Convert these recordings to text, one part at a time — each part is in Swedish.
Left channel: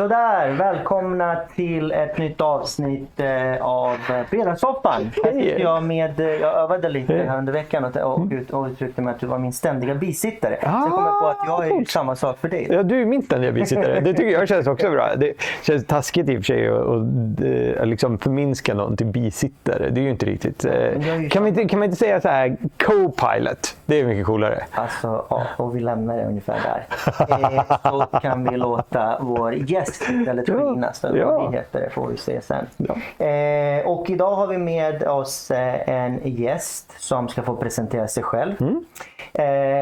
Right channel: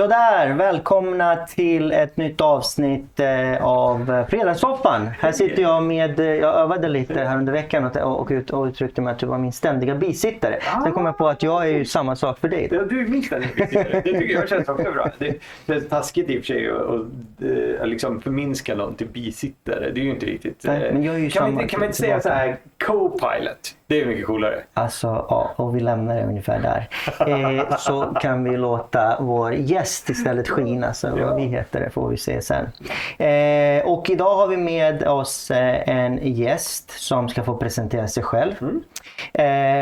Sådär, välkomna till ett nytt avsnitt av Fredagssoffan. Här sitter jag med, jag övade lite här under veckan och uttryckte mig att du var min ständiga bisittare. Sen kom jag på att jag är ju samma sak för dig. Ja, du är min ständiga bisittare. Det tycker jag känns också bra. Det känns taskigt i och för sig att liksom förminska någon till bisittare. Det är ju inte riktigt. Kan man inte säga så här co-pilot? Det är mycket coolare. Alltså, ja, och vi lämnar det ungefär där. Så kan vi låta vår gäst istället skina, så vad vi heter det får vi se sen. Och idag har vi med oss en gäst som ska få presentera sig själv.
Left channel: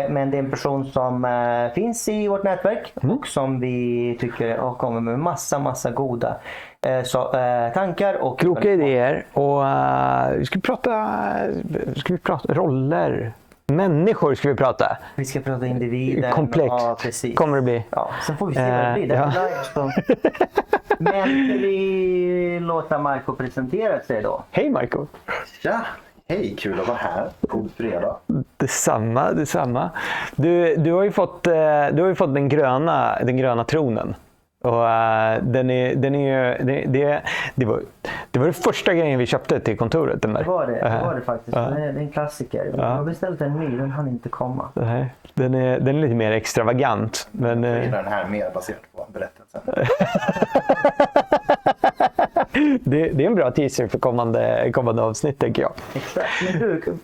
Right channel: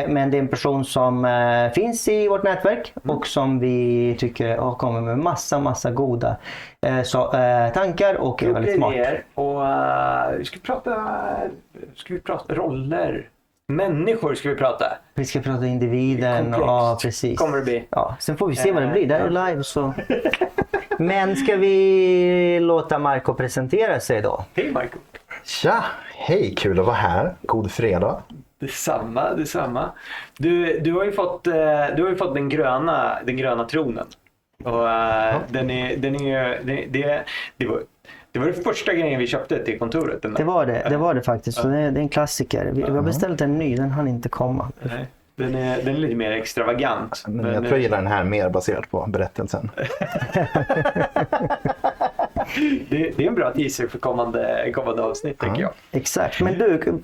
Men det är en person som finns i vårt nätverk och som vi tycker kommer med massa goda tankar och kloka idéer. Och ska vi prata roller. Människor ska vi prata. Vi ska prata individer. Komplext. Ja, precis. Kommer det bli. Ja, sen får vi se vad det blir. Det är live så. Men ska vi låta Marco presentera sig då? Hej Marco. Tja, hej, kul att vara här. God fredag. Detsamma. Du har ju fått den gröna tronen. Och det var det första grejen vi köpte till kontoret. Det var det faktiskt. Så det är en klassiker. Vi har beställt en ny, den hann inte komma. Nej. Den är lite mer extravagant. Men jag tror jag gillar den här mer baserat på berättelsen. Det är en bra teaser för kommande avsnitt, tänker jag. Exakt. Men du,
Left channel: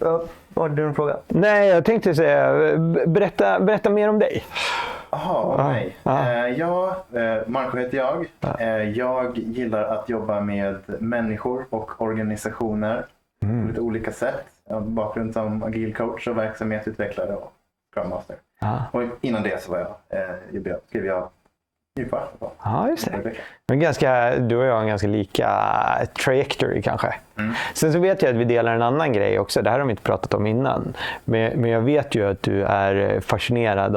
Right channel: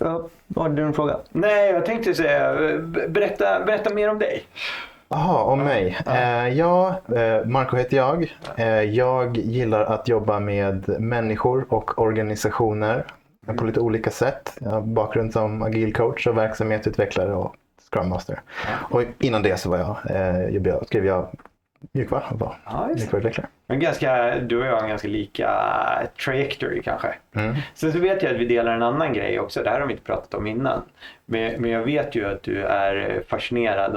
har du en fråga? Nej, jag tänkte säga, berätta mer om dig. Jaha, om mig. Marco heter jag. Jag gillar att jobba med människor och organisationer på lite olika sätt. Jag har bakgrund som agil coach och verksamhetsutvecklare och Scrum Master. Och innan det så skrev jag mjukvara. Ja, just det. Men du och jag har en ganska lika trajectory kanske. Sen så vet jag att vi delar en annan grej också. Det här har vi inte pratat om innan. Men jag vet ju att du är fascinerad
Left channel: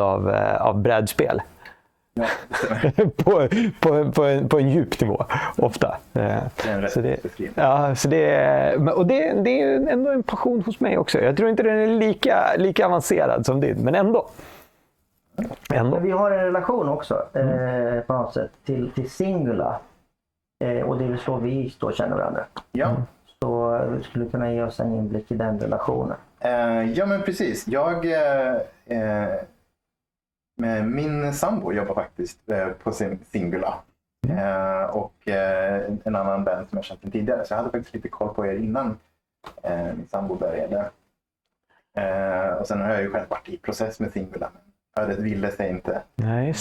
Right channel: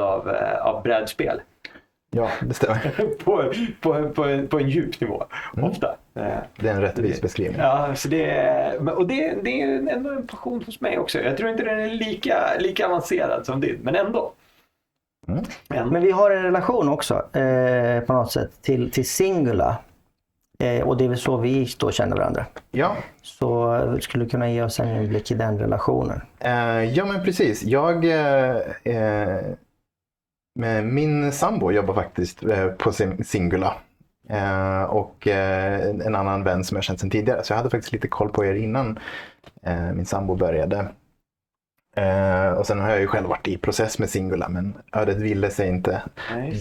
av brädspel. Ja, det stämmer. på en djup nivå, ofta. Det är en rättvis beskrivning. Ja, så det är ändå en passion hos mig också. Jag tror inte den är lika avancerad som din, men ändå. Men vi har en relation också på något sätt till Singula. Och det är väl så vi då känner varandra. Ja. Så skulle du kunna ge oss en inblick i den relationen? Ja, men precis. Min sambo jobbar faktiskt på Singula. Och en annan vän som jag känt sedan tidigare. Så jag hade faktiskt lite koll på er innan min sambo började. Och sen har jag ju själv varit i process med Singula, men ödet ville sig inte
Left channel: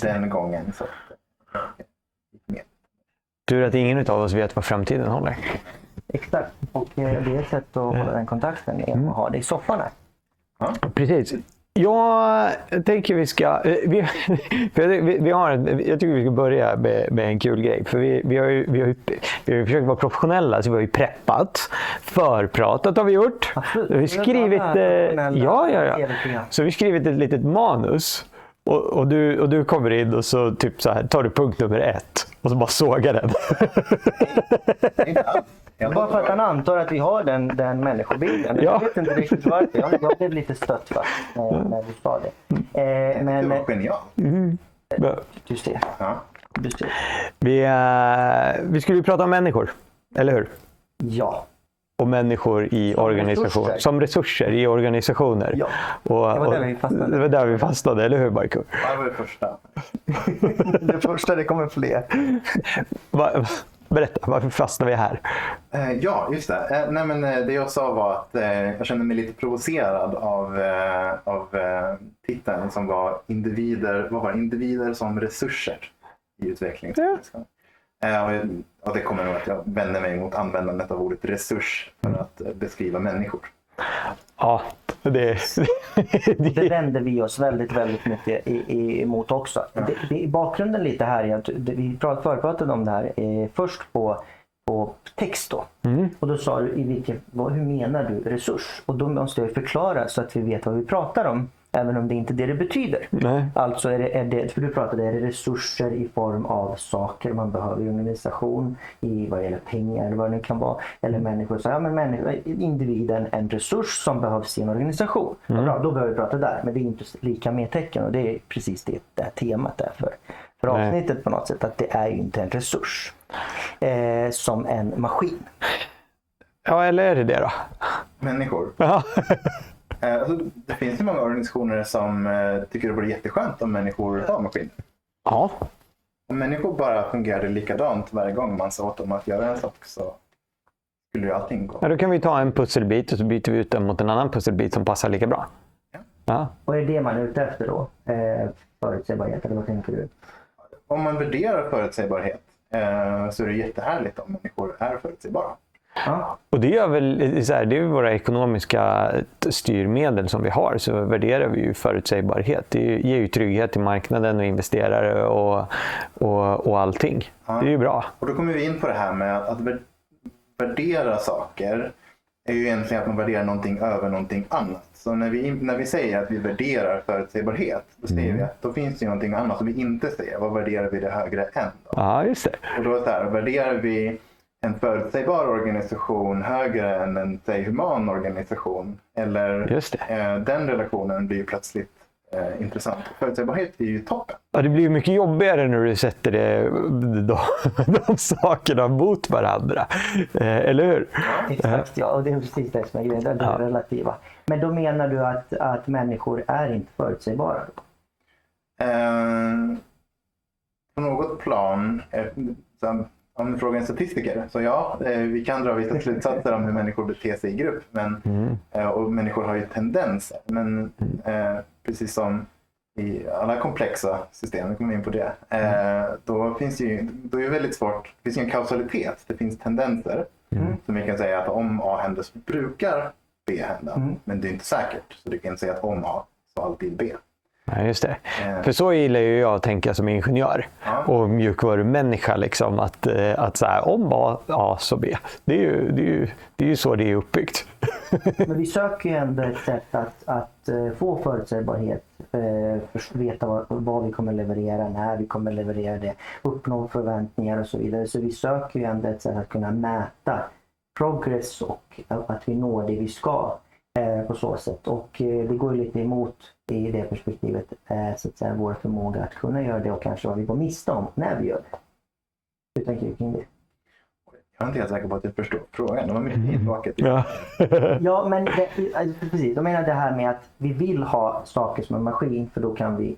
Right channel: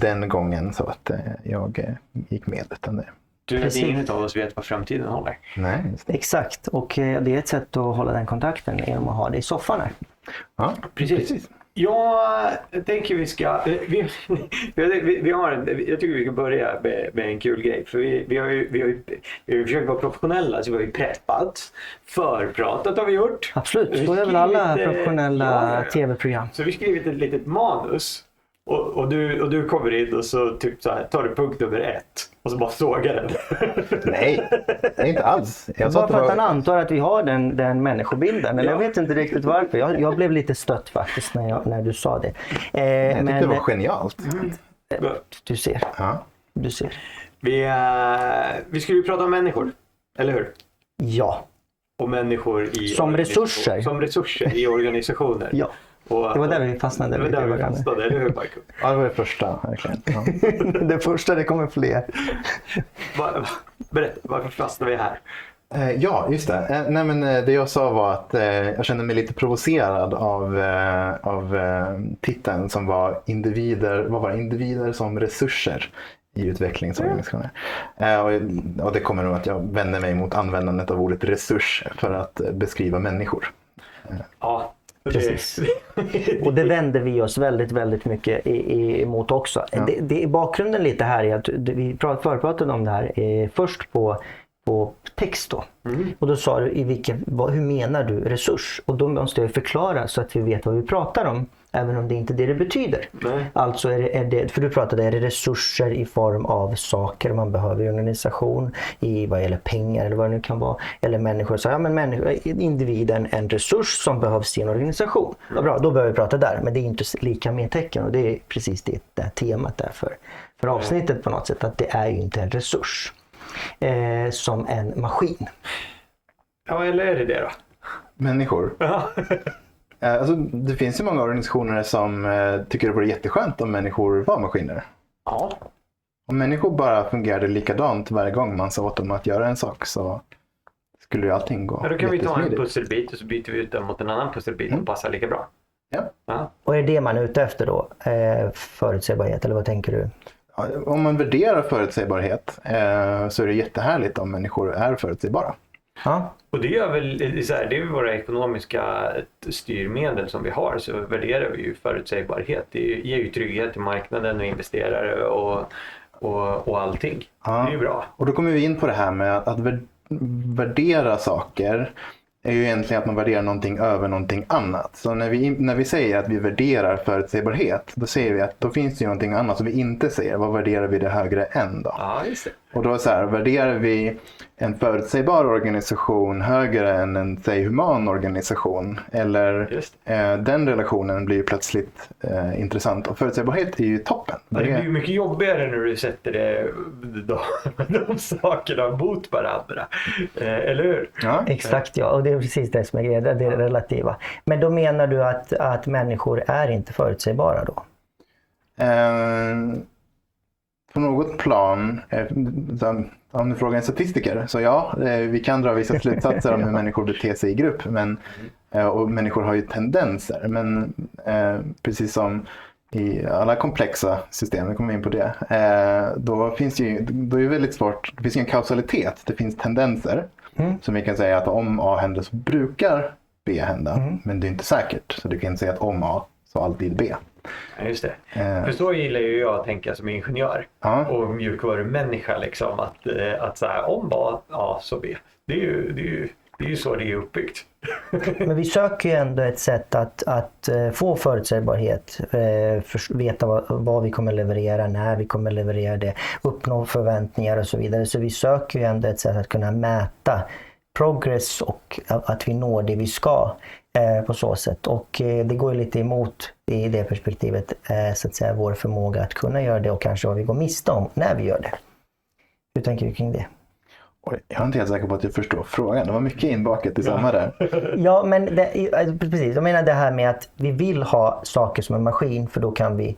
den gången, så att jag gick med utan det. Du vet, ingen av oss vet vad framtiden håller. Nej. Exakt, och det är ett sätt att hålla den kontakten genom att ha det i soffan här. Ja, precis. Jag tänker jag tycker vi ska börja med en kul grej. För vi har försökt vara professionella, så vi har ju preppat. Förpratat har vi gjort. Absolut, vi har skrivit alla professionella tv-program. Så vi har skrivit ett litet manus. Och du kommer in och så typ så här, tar du punkt nummer 1 och så bara sågar den. Nej, det är inte alls. Bara för att han antar att vi har den människobilden. Men jag vet inte riktigt varför. Jag blev lite stött faktiskt när du sa det. Jag tyckte det var genialt. Du ser. Ja. Du ser. Vi skulle prata om människor, eller hur? Ja. Och människor i organisationer. Som resurser i organisationer. Ja. Och, det var där vi fastnade. Det var där vi fastnade, eller hur Marco? Ja, det var det första. Det första, det kommer fler. Berätta, varför fastnade vi här? Ja, just det. Nej, men det jag sa var att jag kände mig lite provocerad av titeln som var individer som resurser i utvecklingsorganisationer. Och det kommer nog att jag vänder mig mot användandet av ordet resurs för att beskriva människor. Ja, precis. Och det vänder vi oss väldigt mycket emot också. Ja. Det är bakgrunden lite här är att vi förpratade om det här först på text då. Och då sa du hur menar du resurs? Och då måste jag förklara så att vi vet vad vi pratar om. Även om det inte är det betyder. Nej. Alltså är det, för du pratade, är det resurser i form av saker man behöver i organisation, i vad gäller pengar eller vad det nu kan vara. Eller människor, så ja, men individen en resurs som behövs i en organisation. Bra, då behöver vi prata där, men det är inte lika med tecken och det är precis det där temat där för avsnittet på något sätt, att det är ju inte en resurs som en maskin. Ja, eller är det då? Människor. Ja. Alltså, det finns ju många organisationer som tycker det vore jätteskönt om människor var maskiner. Ja. Om människor bara fungerade likadant varje gång man sa åt dem att göra en sak så skulle ju allting gå. Ja, då kan vi ta en jättesmidigt. pusselbit och så byter vi ut den mot en annan pusselbit som passar lika bra. Ja. Ja. Och är det man är ute efter då? Förutsägbarhet, eller vad tänker du? Ja, om man värderar förutsägbarhet så är det jättehärligt om människor är förutsägbara. Ja. Och det är väl så här, det är ju våra ekonomiska styrmedel som vi har, så värderar vi ju förutsägbarhet. Det ger ju trygghet till marknaden och investerare och allting. Ja. Det är ju bra. Och då kommer vi in på det här med att värdera saker är ju egentligen att man värderar någonting över någonting annat. Så när vi säger att vi värderar förutsägbarhet, då ser vi att då finns det ju någonting annat som vi inte ser. Vad värderar vi det högre än då? Ja, just det. Och då är så här, värderar vi en förutsägbar organisation högre än en human organisation? Eller Just det. den relationen blir ju plötsligt intressant. Och förutsägbarhet är ju toppen. Ja, det blir ju mycket jobbigare när du sätter de sakerna mot varandra. Eller hur? Ja. Exakt, ja. Och det är precis det som är grejen, det är relativa. Men då menar du att människor är inte förutsägbara då? På något plan, om du frågar en statistiker, så ja, vi kan dra vissa slutsatser om hur människor beter sig i grupp. Och människor har ju tendenser, men precis som i alla komplexa system, vi kommer in på det, då är det väldigt svårt, det finns ju en kausalitet, det finns tendenser. Som vi kan säga att om A händer så brukar B hända, men det är inte säkert. Så du kan inte säga att om A så alltid B. Ja, just det. För så gillar ju jag att tänka som ingenjör och mjukvarumänniska, liksom, att så här, om A så B. Det är ju så det är uppbyggt. Men vi söker ju ändå ett sätt att få förutsägbarhet, veta vad vi kommer leverera, när vi kommer leverera det, uppnå förväntningar och så vidare. Så vi söker ju ändå ett sätt att kunna mäta progress och att vi når det vi ska på så sätt. Och det går ju lite emot i det perspektivet så att säga vår förmåga att kunna göra det och kanske vad vi går miste om när vi gör det. Hur tänker du kring det? Jag är inte helt säker på att jag förstår frågan. Det var mycket inbakat i samma där. Ja, men precis. Jag menar det här med att vi vill ha saker som en maskin, för då kan vi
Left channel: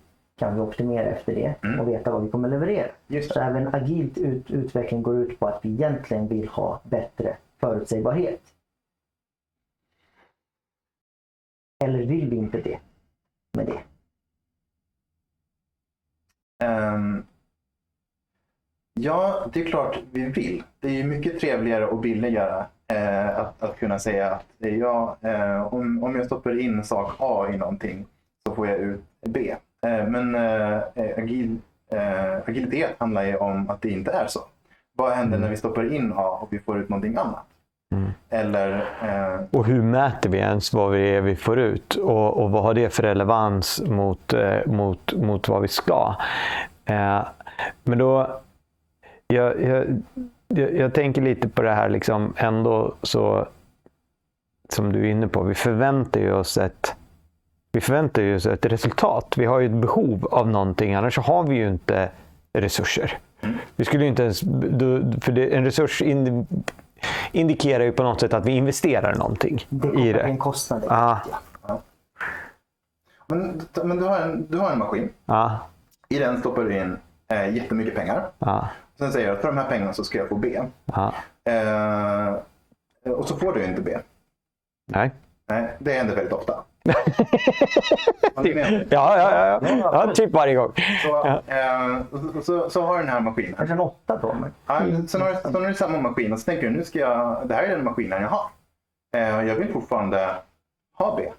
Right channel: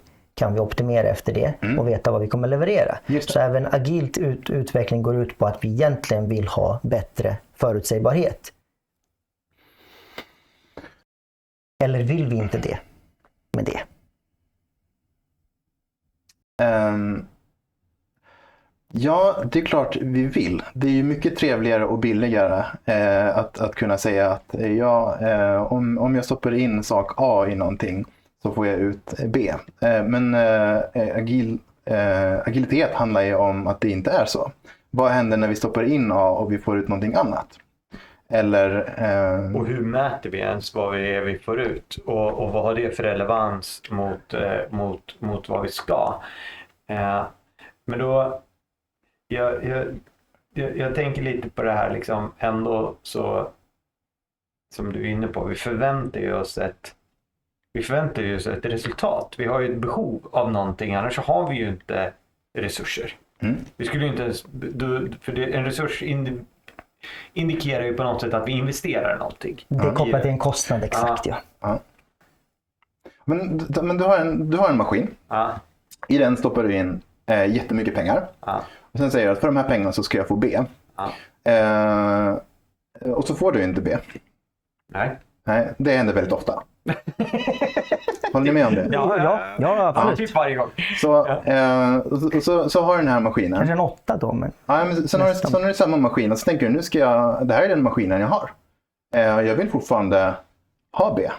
optimera efter det och veta vad vi kommer leverera. Så även agilt utveckling går ut på att vi egentligen vill ha bättre förutsägbarhet. Eller vill vi inte det med det? Ja, det är klart vi vill. Det är ju mycket trevligare och billigare att kunna säga att om jag stoppar in sak A i någonting så får jag ut B. Men agilitet handlar ju om att det inte är så. Vad händer när vi stoppar in A och vi får ut någonting annat? Eller, och hur mäter vi ens vad det är vi får ut? Och vad har det för relevans mot vad vi ska? Men då... Jag tänker lite på det här liksom ändå, så som du är inne på, vi förväntar ju oss ett resultat. Vi har ju ett behov av någonting, annars så har vi ju inte resurser. Vi skulle ju inte ens, för en resurs indikerar ju på något sätt att vi investerar någonting. Det är kopplat till en kostnad, exakt. Ja. Men du har en maskin. I den stoppar du in jättemycket pengar. Och sen säger jag att för de här pengarna så ska jag få B. Och så får du inte B. Nej, det händer väldigt ofta. Håller ni med om det? Ja, typ varje gång. Så har du den här maskinen. Kanske en 8 då. Men... Sen har du samma maskin och så tänker du, det här är den maskinen jag har. Jag vill fortfarande ha B.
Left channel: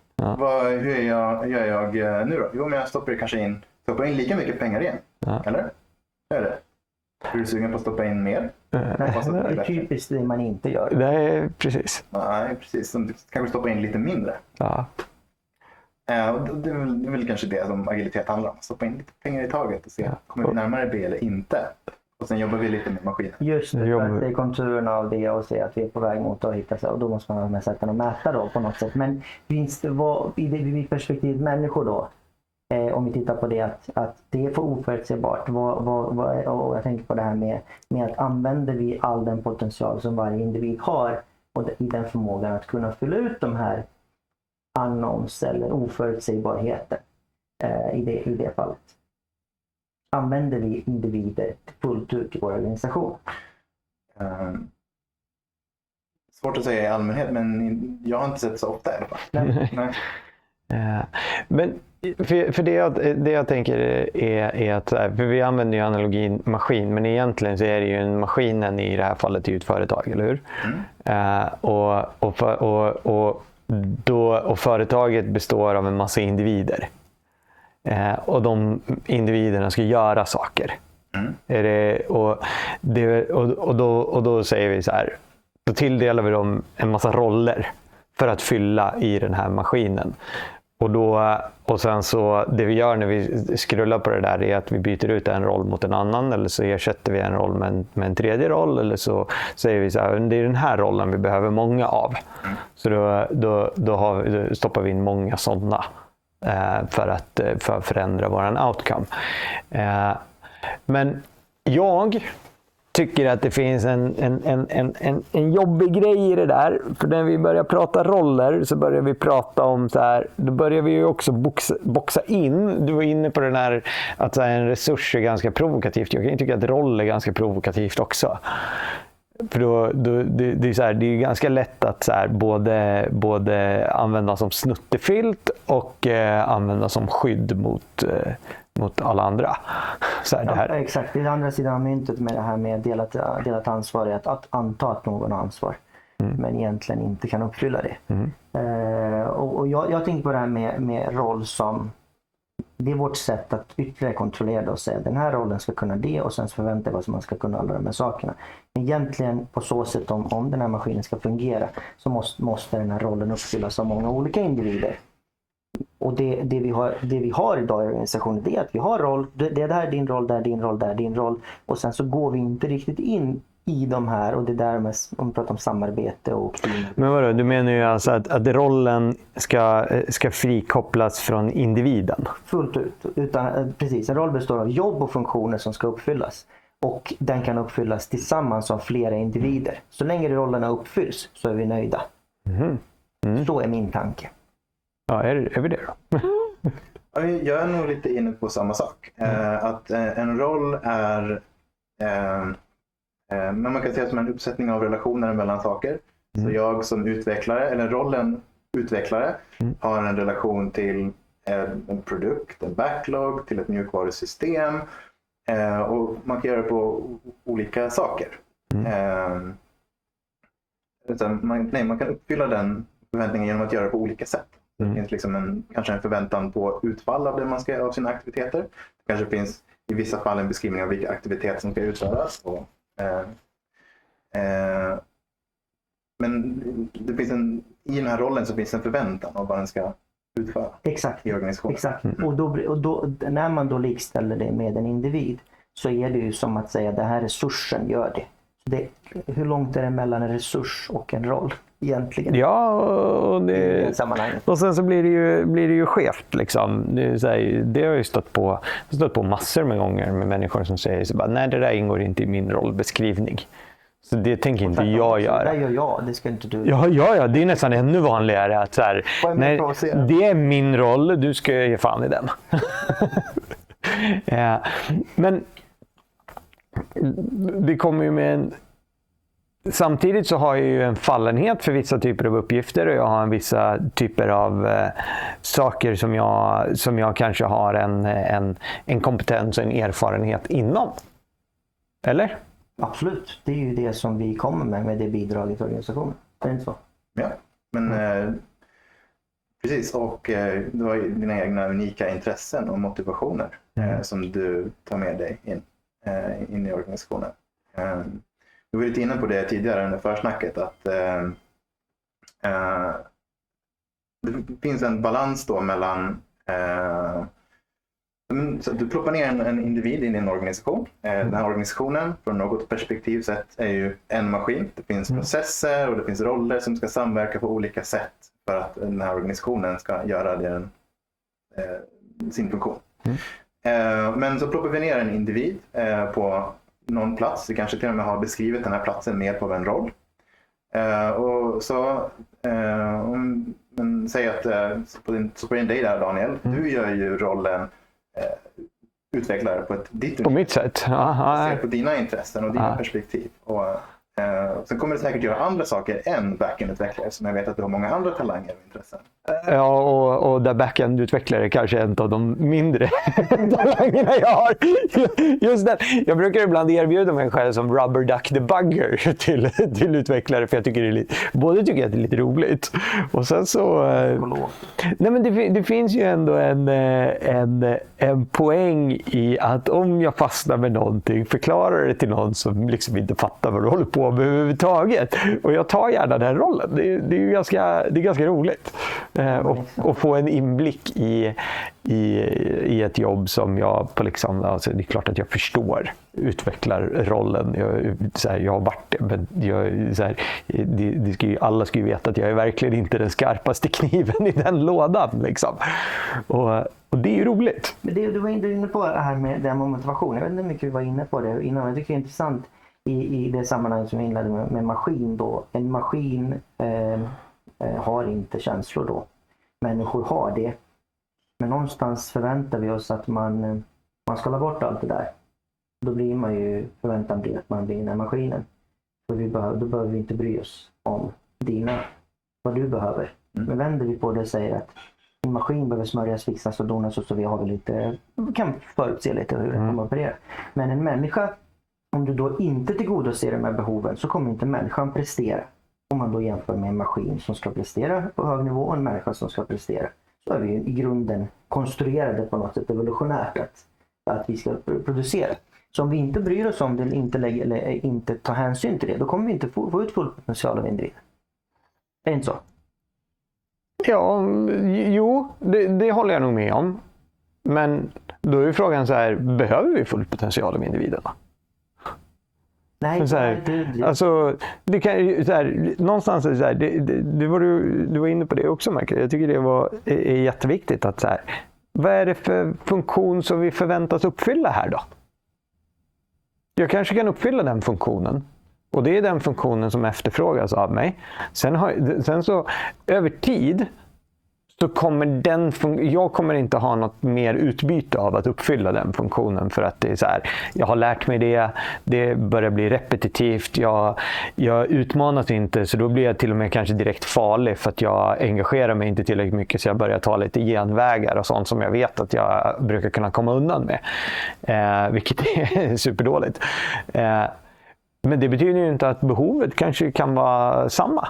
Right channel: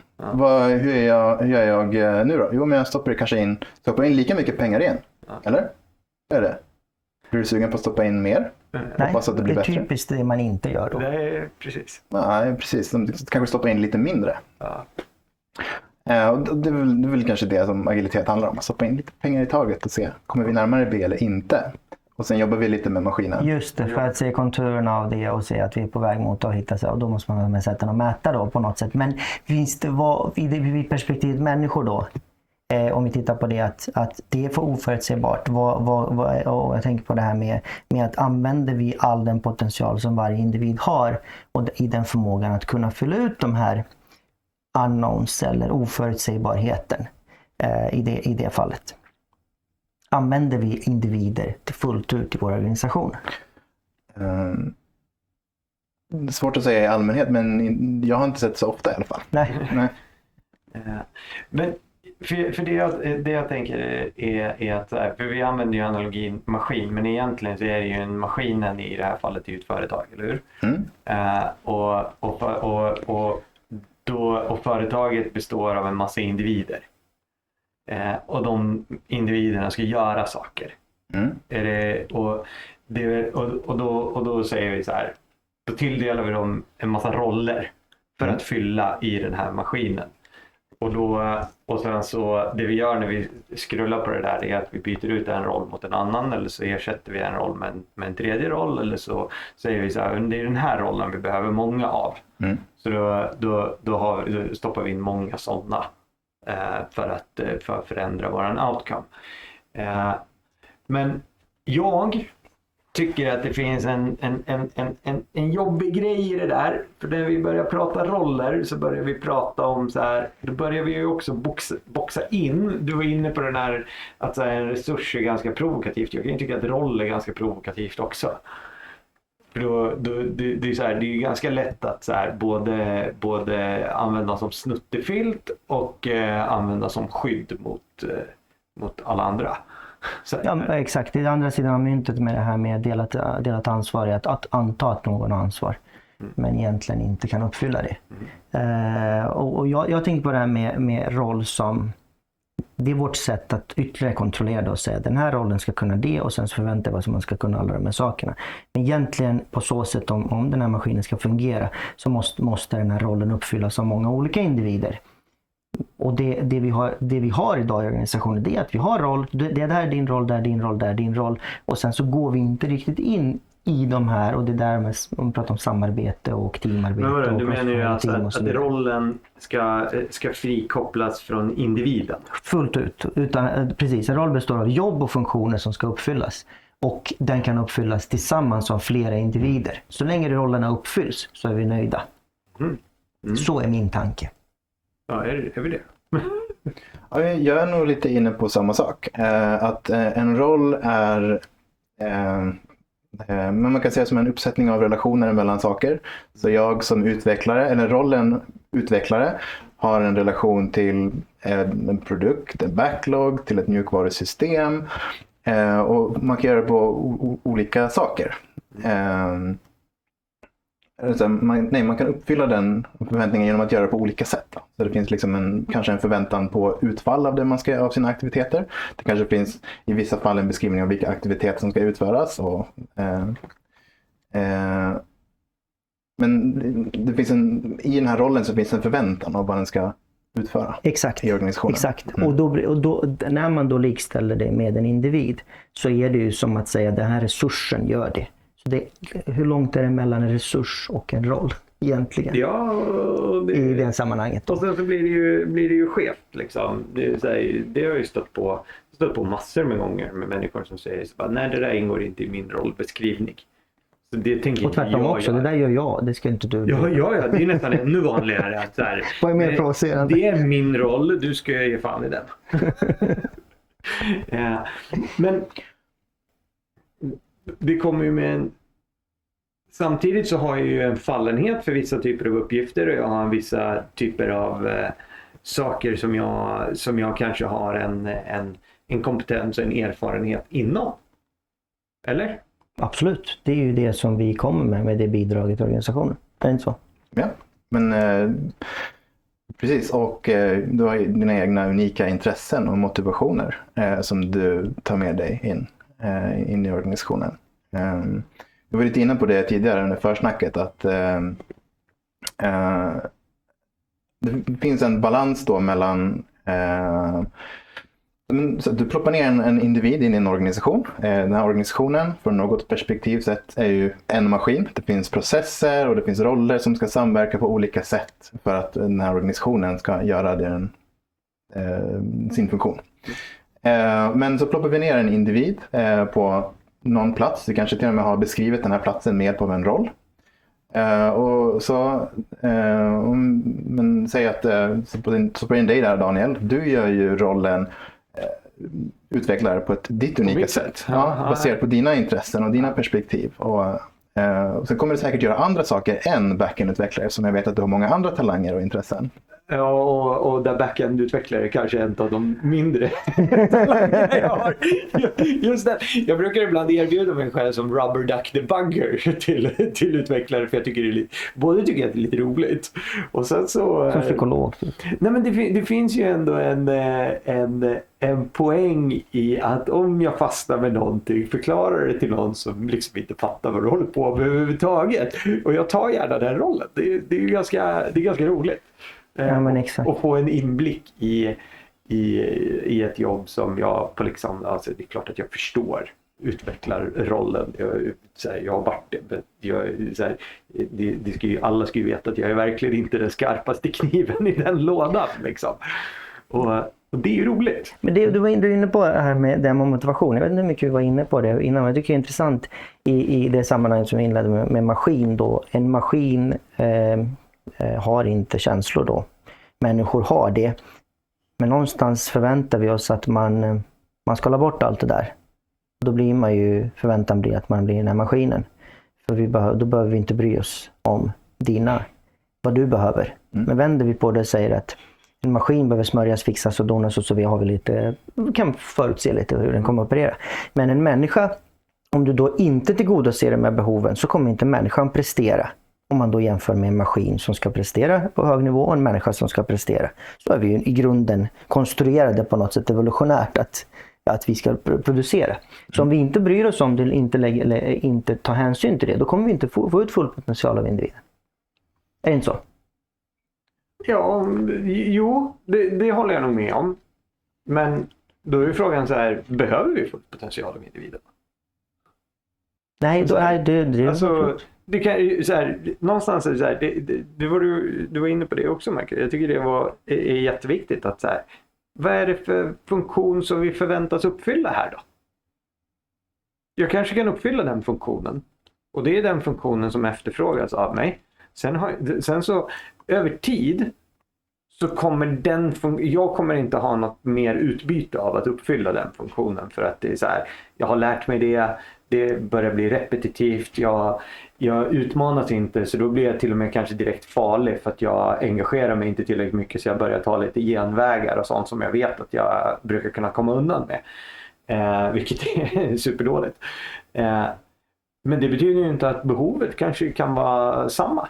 Hur gör jag nu då? Jo, men jag stoppar in lika mycket pengar igen. Eller? Är det? Blir du sugen på att stoppa in mer? Nej, det är typiskt det man inte gör då. Nej, precis. Nej, precis. Du kanske stoppa in lite mindre. Och det är väl kanske det som agilitet handlar om. Att stoppa in lite pengar i taget och se, kommer vi närmare B eller inte? Och sen jobbar vi lite med maskinen. Just det, för att se konturerna av det och se att vi är på väg mot att hitta sig. Och då måste man med sätten att mäta då på något sätt. Men finns det i perspektivet människor då? Om vi tittar på det att det är för oförutsägbart. Och jag tänker på det här med att använder vi all den potential som varje individ har och i den förmågan att kunna fylla ut de här unknowns eller oförutsägbarheten i det fallet. Använder vi individer fullt ut i vår organisation? Svårt att säga i allmänhet, men jag har inte sett så ofta i alla fall. Nej. Men för det jag tänker är att för vi använder ju analogin maskin, men egentligen så är det ju en maskinen i det här fallet är ju ett företag, eller hur? Och företaget består av en massa individer. Och de individerna ska göra saker. Och då säger vi så här, då tilldelar vi dem en massa roller för att fylla i den här maskinen. Och sen så det vi gör när vi scrollar på det där är att vi byter ut en roll mot en annan, eller så ersätter vi en roll med en tredje roll, eller så säger vi så här, det är den här rollen vi behöver många av. Så då stoppar vi in många sådana för att förändra våran outcome. Men jag tycker att det finns en jobbig grej i det där. För när vi börjar prata roller så börjar vi prata om så här, då börjar vi ju också boxa in. Du var inne på den här att så här, en resurs är ganska provokativt. Jag kan ju tycka att roll är ganska provokativt också. För det är så här, det är ganska lätt att så här, både använda som snuttefilt och använda som skydd mot alla andra. Så här. Ja, exakt. Det är andra sidan av myntet med det här med delat ansvar är att anta att någon har ansvar. Men egentligen inte kan uppfylla det. Och jag tänker på det här med roll som det är vårt sätt att ytterligare kontrollera det och säga den här rollen ska kunna det och sen så förväntar vi oss att man ska kunna alla de här sakerna. Men egentligen på så sätt om den här maskinen ska fungera så måste den här rollen uppfyllas av många olika individer. Och det vi har idag i organisationen det är att vi har roll, det där är din roll, där är din roll, där är din roll. Och sen så går vi inte riktigt in i de här och det där med, om vi pratar om samarbete och teamarbete. Men vadå, du menar ju alltså att rollen ska frikopplas från individen? Fullt ut. Precis, en roll består av jobb och funktioner som ska uppfyllas. Och den kan uppfyllas tillsammans av flera individer. Så länge rollerna uppfylls så är vi nöjda. Så är min tanke. Ja, är vi det då? Ja, jag är nog lite inne på samma sak. Att en roll är men man kan säga som en uppsättning av relationer mellan saker. Så jag som utvecklare, eller rollen utvecklare, har en relation till en produkt, en backlog, till ett mjukvarusystem. Och man kan göra det på olika saker. Man kan uppfylla den förväntningen genom att göra det på olika sätt. Så det finns liksom kanske en förväntan på utfall av det man ska av sina aktiviteter. Det kanske finns i vissa fall en beskrivning av vilka aktiviteter som ska utföras. Men det finns i den här rollen så finns en förväntan av vad den ska utföra. Exakt. I organisationen. Exakt. Och då, när man då likställer det med en individ så är det ju som att säga att den här resursen gör det. Hur långt är det mellan en resurs och en roll egentligen? Ja, och i det sammanhanget. Och sen så blir det ju skevt liksom. Det har ju stått på massor med gånger med människor som säger så bara, nej, det där ingår inte i min rollbeskrivning. Så det tänker inte jag göra. Det där gör jag, det ska inte du. Ja, det är nästan ännu vanligare att så här, nej, det är min roll, du ska ge fan i den. Ja, men vi kommer ju med samtidigt så har jag ju en fallenhet för vissa typer av uppgifter och jag har vissa typer av saker som jag kanske har en kompetens och en erfarenhet inom. Eller? Absolut. Det är ju det som vi kommer med det bidraget till organisationen. Det är inte så? Ja, men precis. Och du har ju dina egna unika intressen och motivationer som du tar med dig in i organisationen. Jag var lite inne på det tidigare under försnacket att det finns en balans då mellan så du ploppar ner en individ in i en organisation. Den här organisationen från något perspektiv sett är ju en maskin. Det finns processer och det finns roller som ska samverka på olika sätt för att den här organisationen ska göra det sin funktion. Men så ploppar vi ner en individ på någon plats. Vi kanske till och med har beskrivit den här platsen med på en roll. Och så men säg att så på din dig där Daniel, du gör ju rollen utvecklare på ditt unika sätt. Baserat på dina intressen och dina perspektiv. Och sen kommer det säkert göra andra saker än backend-utvecklare som jag vet att du har många andra talanger och intressen. Ja, och där backend-utvecklare kanske är en av de mindre talangerna jag har. Just det. Jag brukar ibland erbjuda mig själv som rubber duck debugger till utvecklare för jag tycker att det är lite roligt. Och sen så... psykolog. Nej, men det finns ju ändå en poäng i att om jag fastnar med någonting, förklarar det till någon som liksom inte fattar vad du håller på med överhuvudtaget. Och jag tar gärna den rollen. Det är ganska roligt. Och få en inblick i ett jobb som jag på liksom, alltså det är klart att jag förstår utvecklarrollen. Jag har varit det, men alla ska ju veta att jag är verkligen inte den skarpaste kniven i den lådan. Liksom. Och det är ju roligt. Men du var inne på det här med den motivation. Jag vet inte hur mycket vi var inne på det innan, men jag tycker det är intressant i det sammanhang som vi inledde med maskin då. En maskin har inte känslor då. Människor har det. Men någonstans förväntar vi oss att man ska la bort allt det där. Då blir man ju, förväntan blir att man blir den här maskinen. För då behöver vi inte bry oss om vad du behöver. Men vänder vi på det och säger att en maskin behöver smörjas, fixas och donas och så vi kan förutse lite hur den kommer att operera. Men en människa, om du då inte tillgodoser de här behoven så kommer inte människan prestera. Om man då jämför med en maskin som ska prestera på hög nivå och en människa som ska prestera. Så är vi ju i grunden konstruerade på något sätt evolutionärt att vi ska producera. Så om vi inte bryr oss om det eller inte tar hänsyn till det, då kommer vi inte få ut full potential av individen. Är det inte så? Ja, jo, det håller jag nog med om. Men då är frågan så här, behöver vi full potential av individerna? Nej, det kan så här, någonstans är det så här, du var inne på det också, Michael. Jag tycker det är jätteviktigt att så här, vad är det för funktion som vi förväntas uppfylla här då? Jag kanske kan uppfylla den funktionen. Och det är den funktionen som efterfrågas av mig. Sen så över tid så kommer jag kommer inte ha något mer utbyte av att uppfylla den funktionen för att det är så här, jag har lärt mig det börjar bli repetitivt, jag utmanas inte så då blir jag till och med kanske direkt farlig för att jag engagerar mig inte tillräckligt mycket så jag börjar ta lite genvägar och sånt som jag vet att jag brukar kunna komma undan med. Vilket är superdåligt. Men det betyder ju inte att behovet kanske kan vara samma.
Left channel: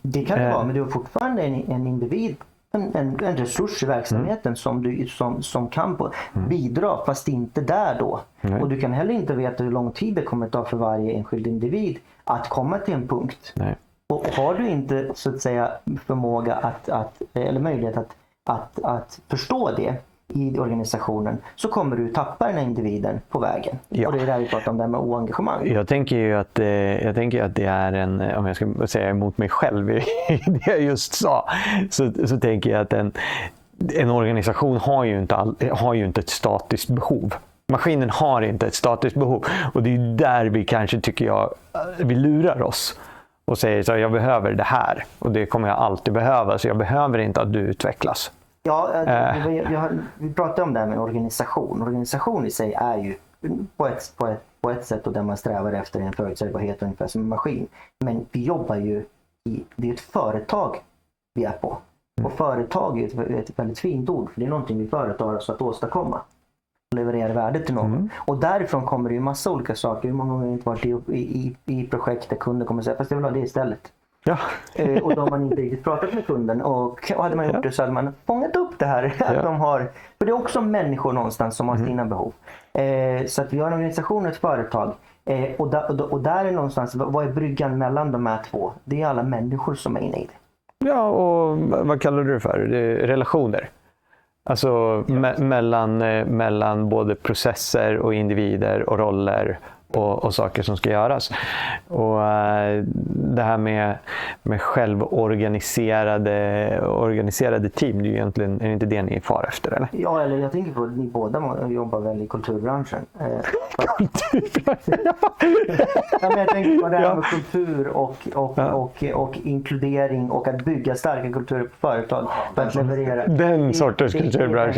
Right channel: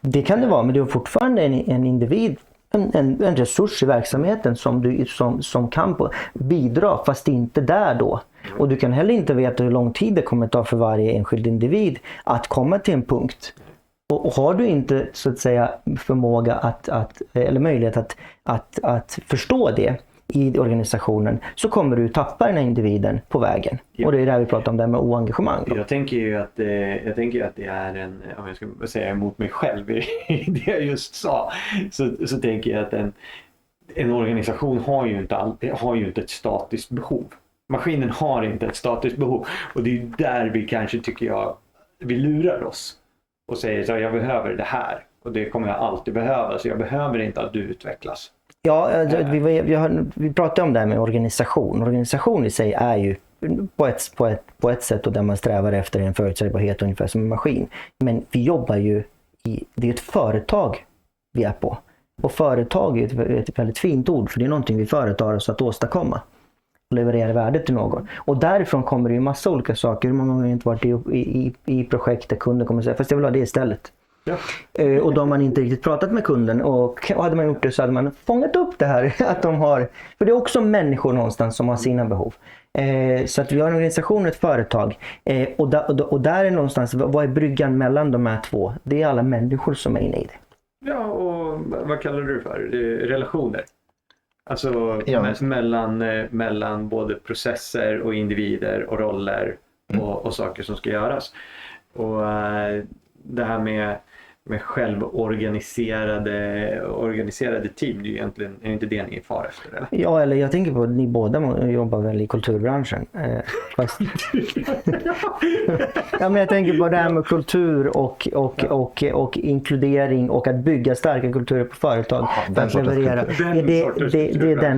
Det kan det vara, men du har fortfarande en individ, en resurs i verksamheten som kan bidra, fast inte där då. Och du kan heller inte veta hur lång tid det kommer ta för varje enskild individ att komma till en punkt. Nej. Och har du inte så att säga förmåga eller möjlighet att förstå det i organisationen så kommer du tappa den här individen på vägen. Ja. Och det är där vi pratar om det här med oengagemang. Jag tänker ju att det är om jag ska säga emot mig själv i det jag just sa, så tänker jag att en organisation har ju inte ett statiskt behov. Maskinen har inte ett statiskt behov och det är där vi kanske vi lurar oss och säger så jag behöver det här och det kommer jag alltid behöva så jag behöver inte att du utvecklas. Ja, vi pratade om det här med organisation. Organisation i sig är ju på ett sätt och där man strävar efter en förutsägbarhet ungefär som en maskin. Men vi jobbar ju det är ett företag vi är på. Och företag är ett väldigt fint ord för det är någonting vi företar oss att åstadkomma. Leverera värde till någon. Och därifrån kommer det ju massa olika saker. Hur många gånger har inte varit i projekt där kunden kommer säga fast jag vill ha det istället. Ja. Och då har man inte riktigt pratat med kunden och hade man gjort det så hade man fångat upp det här att de har, för det är också människor någonstans som har sina behov. Så att vi har en organisation och ett företag och där är någonstans, vad är bryggan mellan de här två? Det är alla människor som är inne i det. Ja, och vad kallar du det för? Det är relationer. Alltså mellan både processer och individer och roller och saker som ska göras. Och det här med självorganiserade team, det är egentligen är inte det ni är far efter, eller? Ja, eller jag tänker på att ni båda jobbar väl i kulturbranschen. Fast... ja, men jag tänker på det här med kultur och inkludering och att bygga starka kulturer på företag. För att leverera. Den sortens kulturbransch.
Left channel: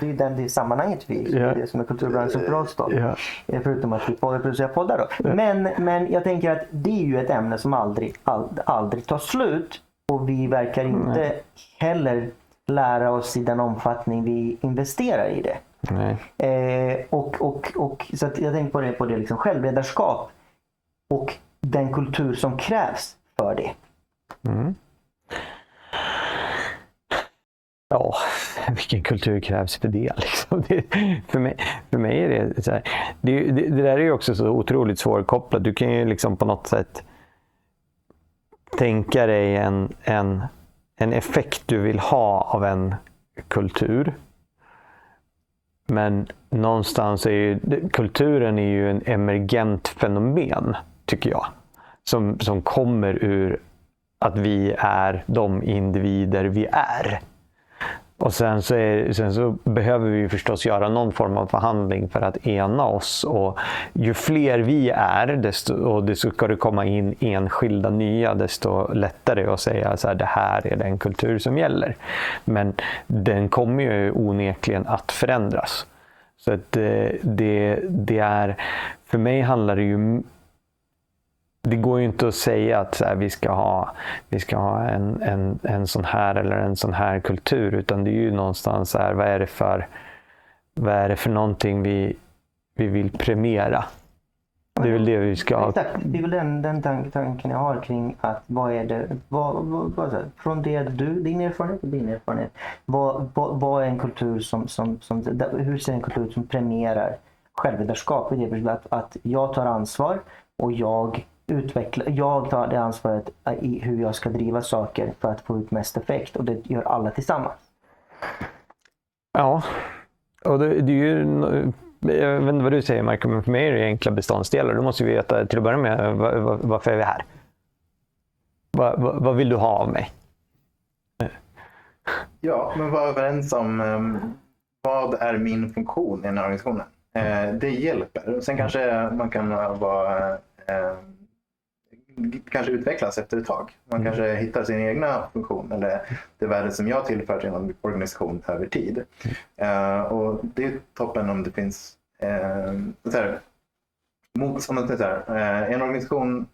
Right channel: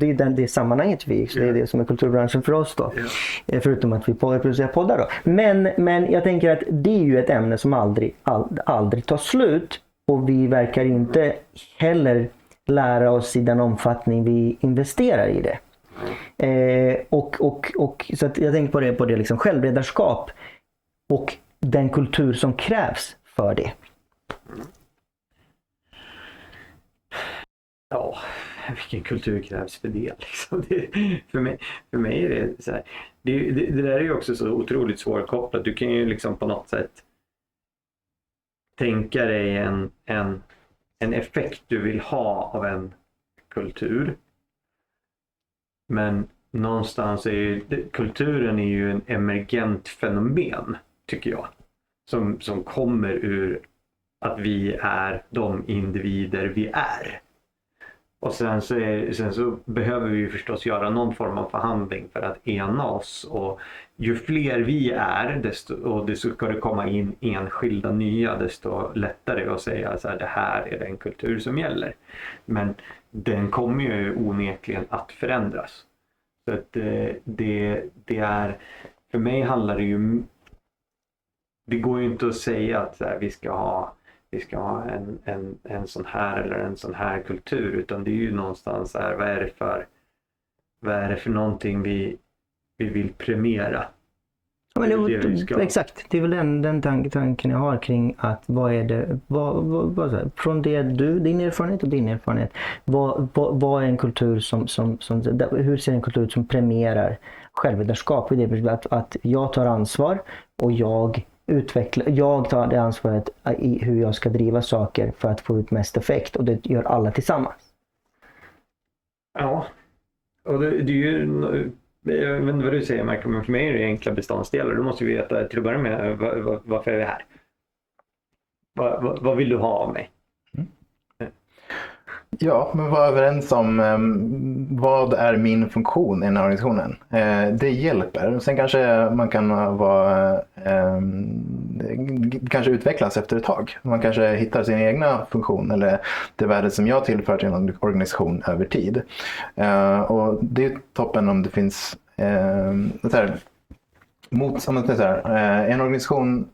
Det är sammanhanget vi, så det är det som är kulturbranschen för oss då. Förutom att vi producerar poddar då. Men jag tänker att det är ju ett ämne som aldrig tar slut, och vi verkar inte heller lära oss i den omfattning vi investerar i det. Så att jag tänker på det liksom självledarskap och den kultur som krävs för det. Ja, vilken kultur krävs för det? Liksom. För mig är det så här. Det där är ju också så otroligt svårkopplat. Du kan ju liksom på något sätt tänka dig en effekt du vill ha av en kultur. Men någonstans är ju kulturen är ju en emergent fenomen, tycker jag. Som kommer ur att vi är de individer vi är. Och sen så behöver vi förstås göra någon form av förhandling för att ena oss. Och ju fler vi är, och det ska det komma in enskilda nya, desto lättare att säga så här, det här är den kultur som gäller. Men den kommer ju onekligen att förändras. Så att det är, för mig handlar det ju, det går ju inte att säga att så här, vi ska ha en sån här eller en sån här kultur, utan det är ju någonstans så här, vad är det för någonting vi vill premiera? Och det är det vi ska... Exakt, det är väl den tanken jag har kring att vad är det, från det din erfarenhet och din erfarenhet, vad är en kultur hur ser en kultur som premierar självledarskap? I det att jag tar ansvar och jag tar det ansvaret i hur jag ska driva saker för att få ut mest effekt, och det gör alla tillsammans. Ja, och det är ju, jag vet inte vad du säger, Michael, men för mig är det enkla beståndsdelar. Du måste ju veta till att börja med varför är vi här? Vad vill du ha av mig? Ja, men vara överens om vad är min funktion i den här organisationen. Det hjälper. Sen kanske man kan kanske utvecklas efter ett tag. Man kanske hittar sin egna funktion eller det värde som jag tillför till en organisation över tid. Och det är toppen om det finns en organisation.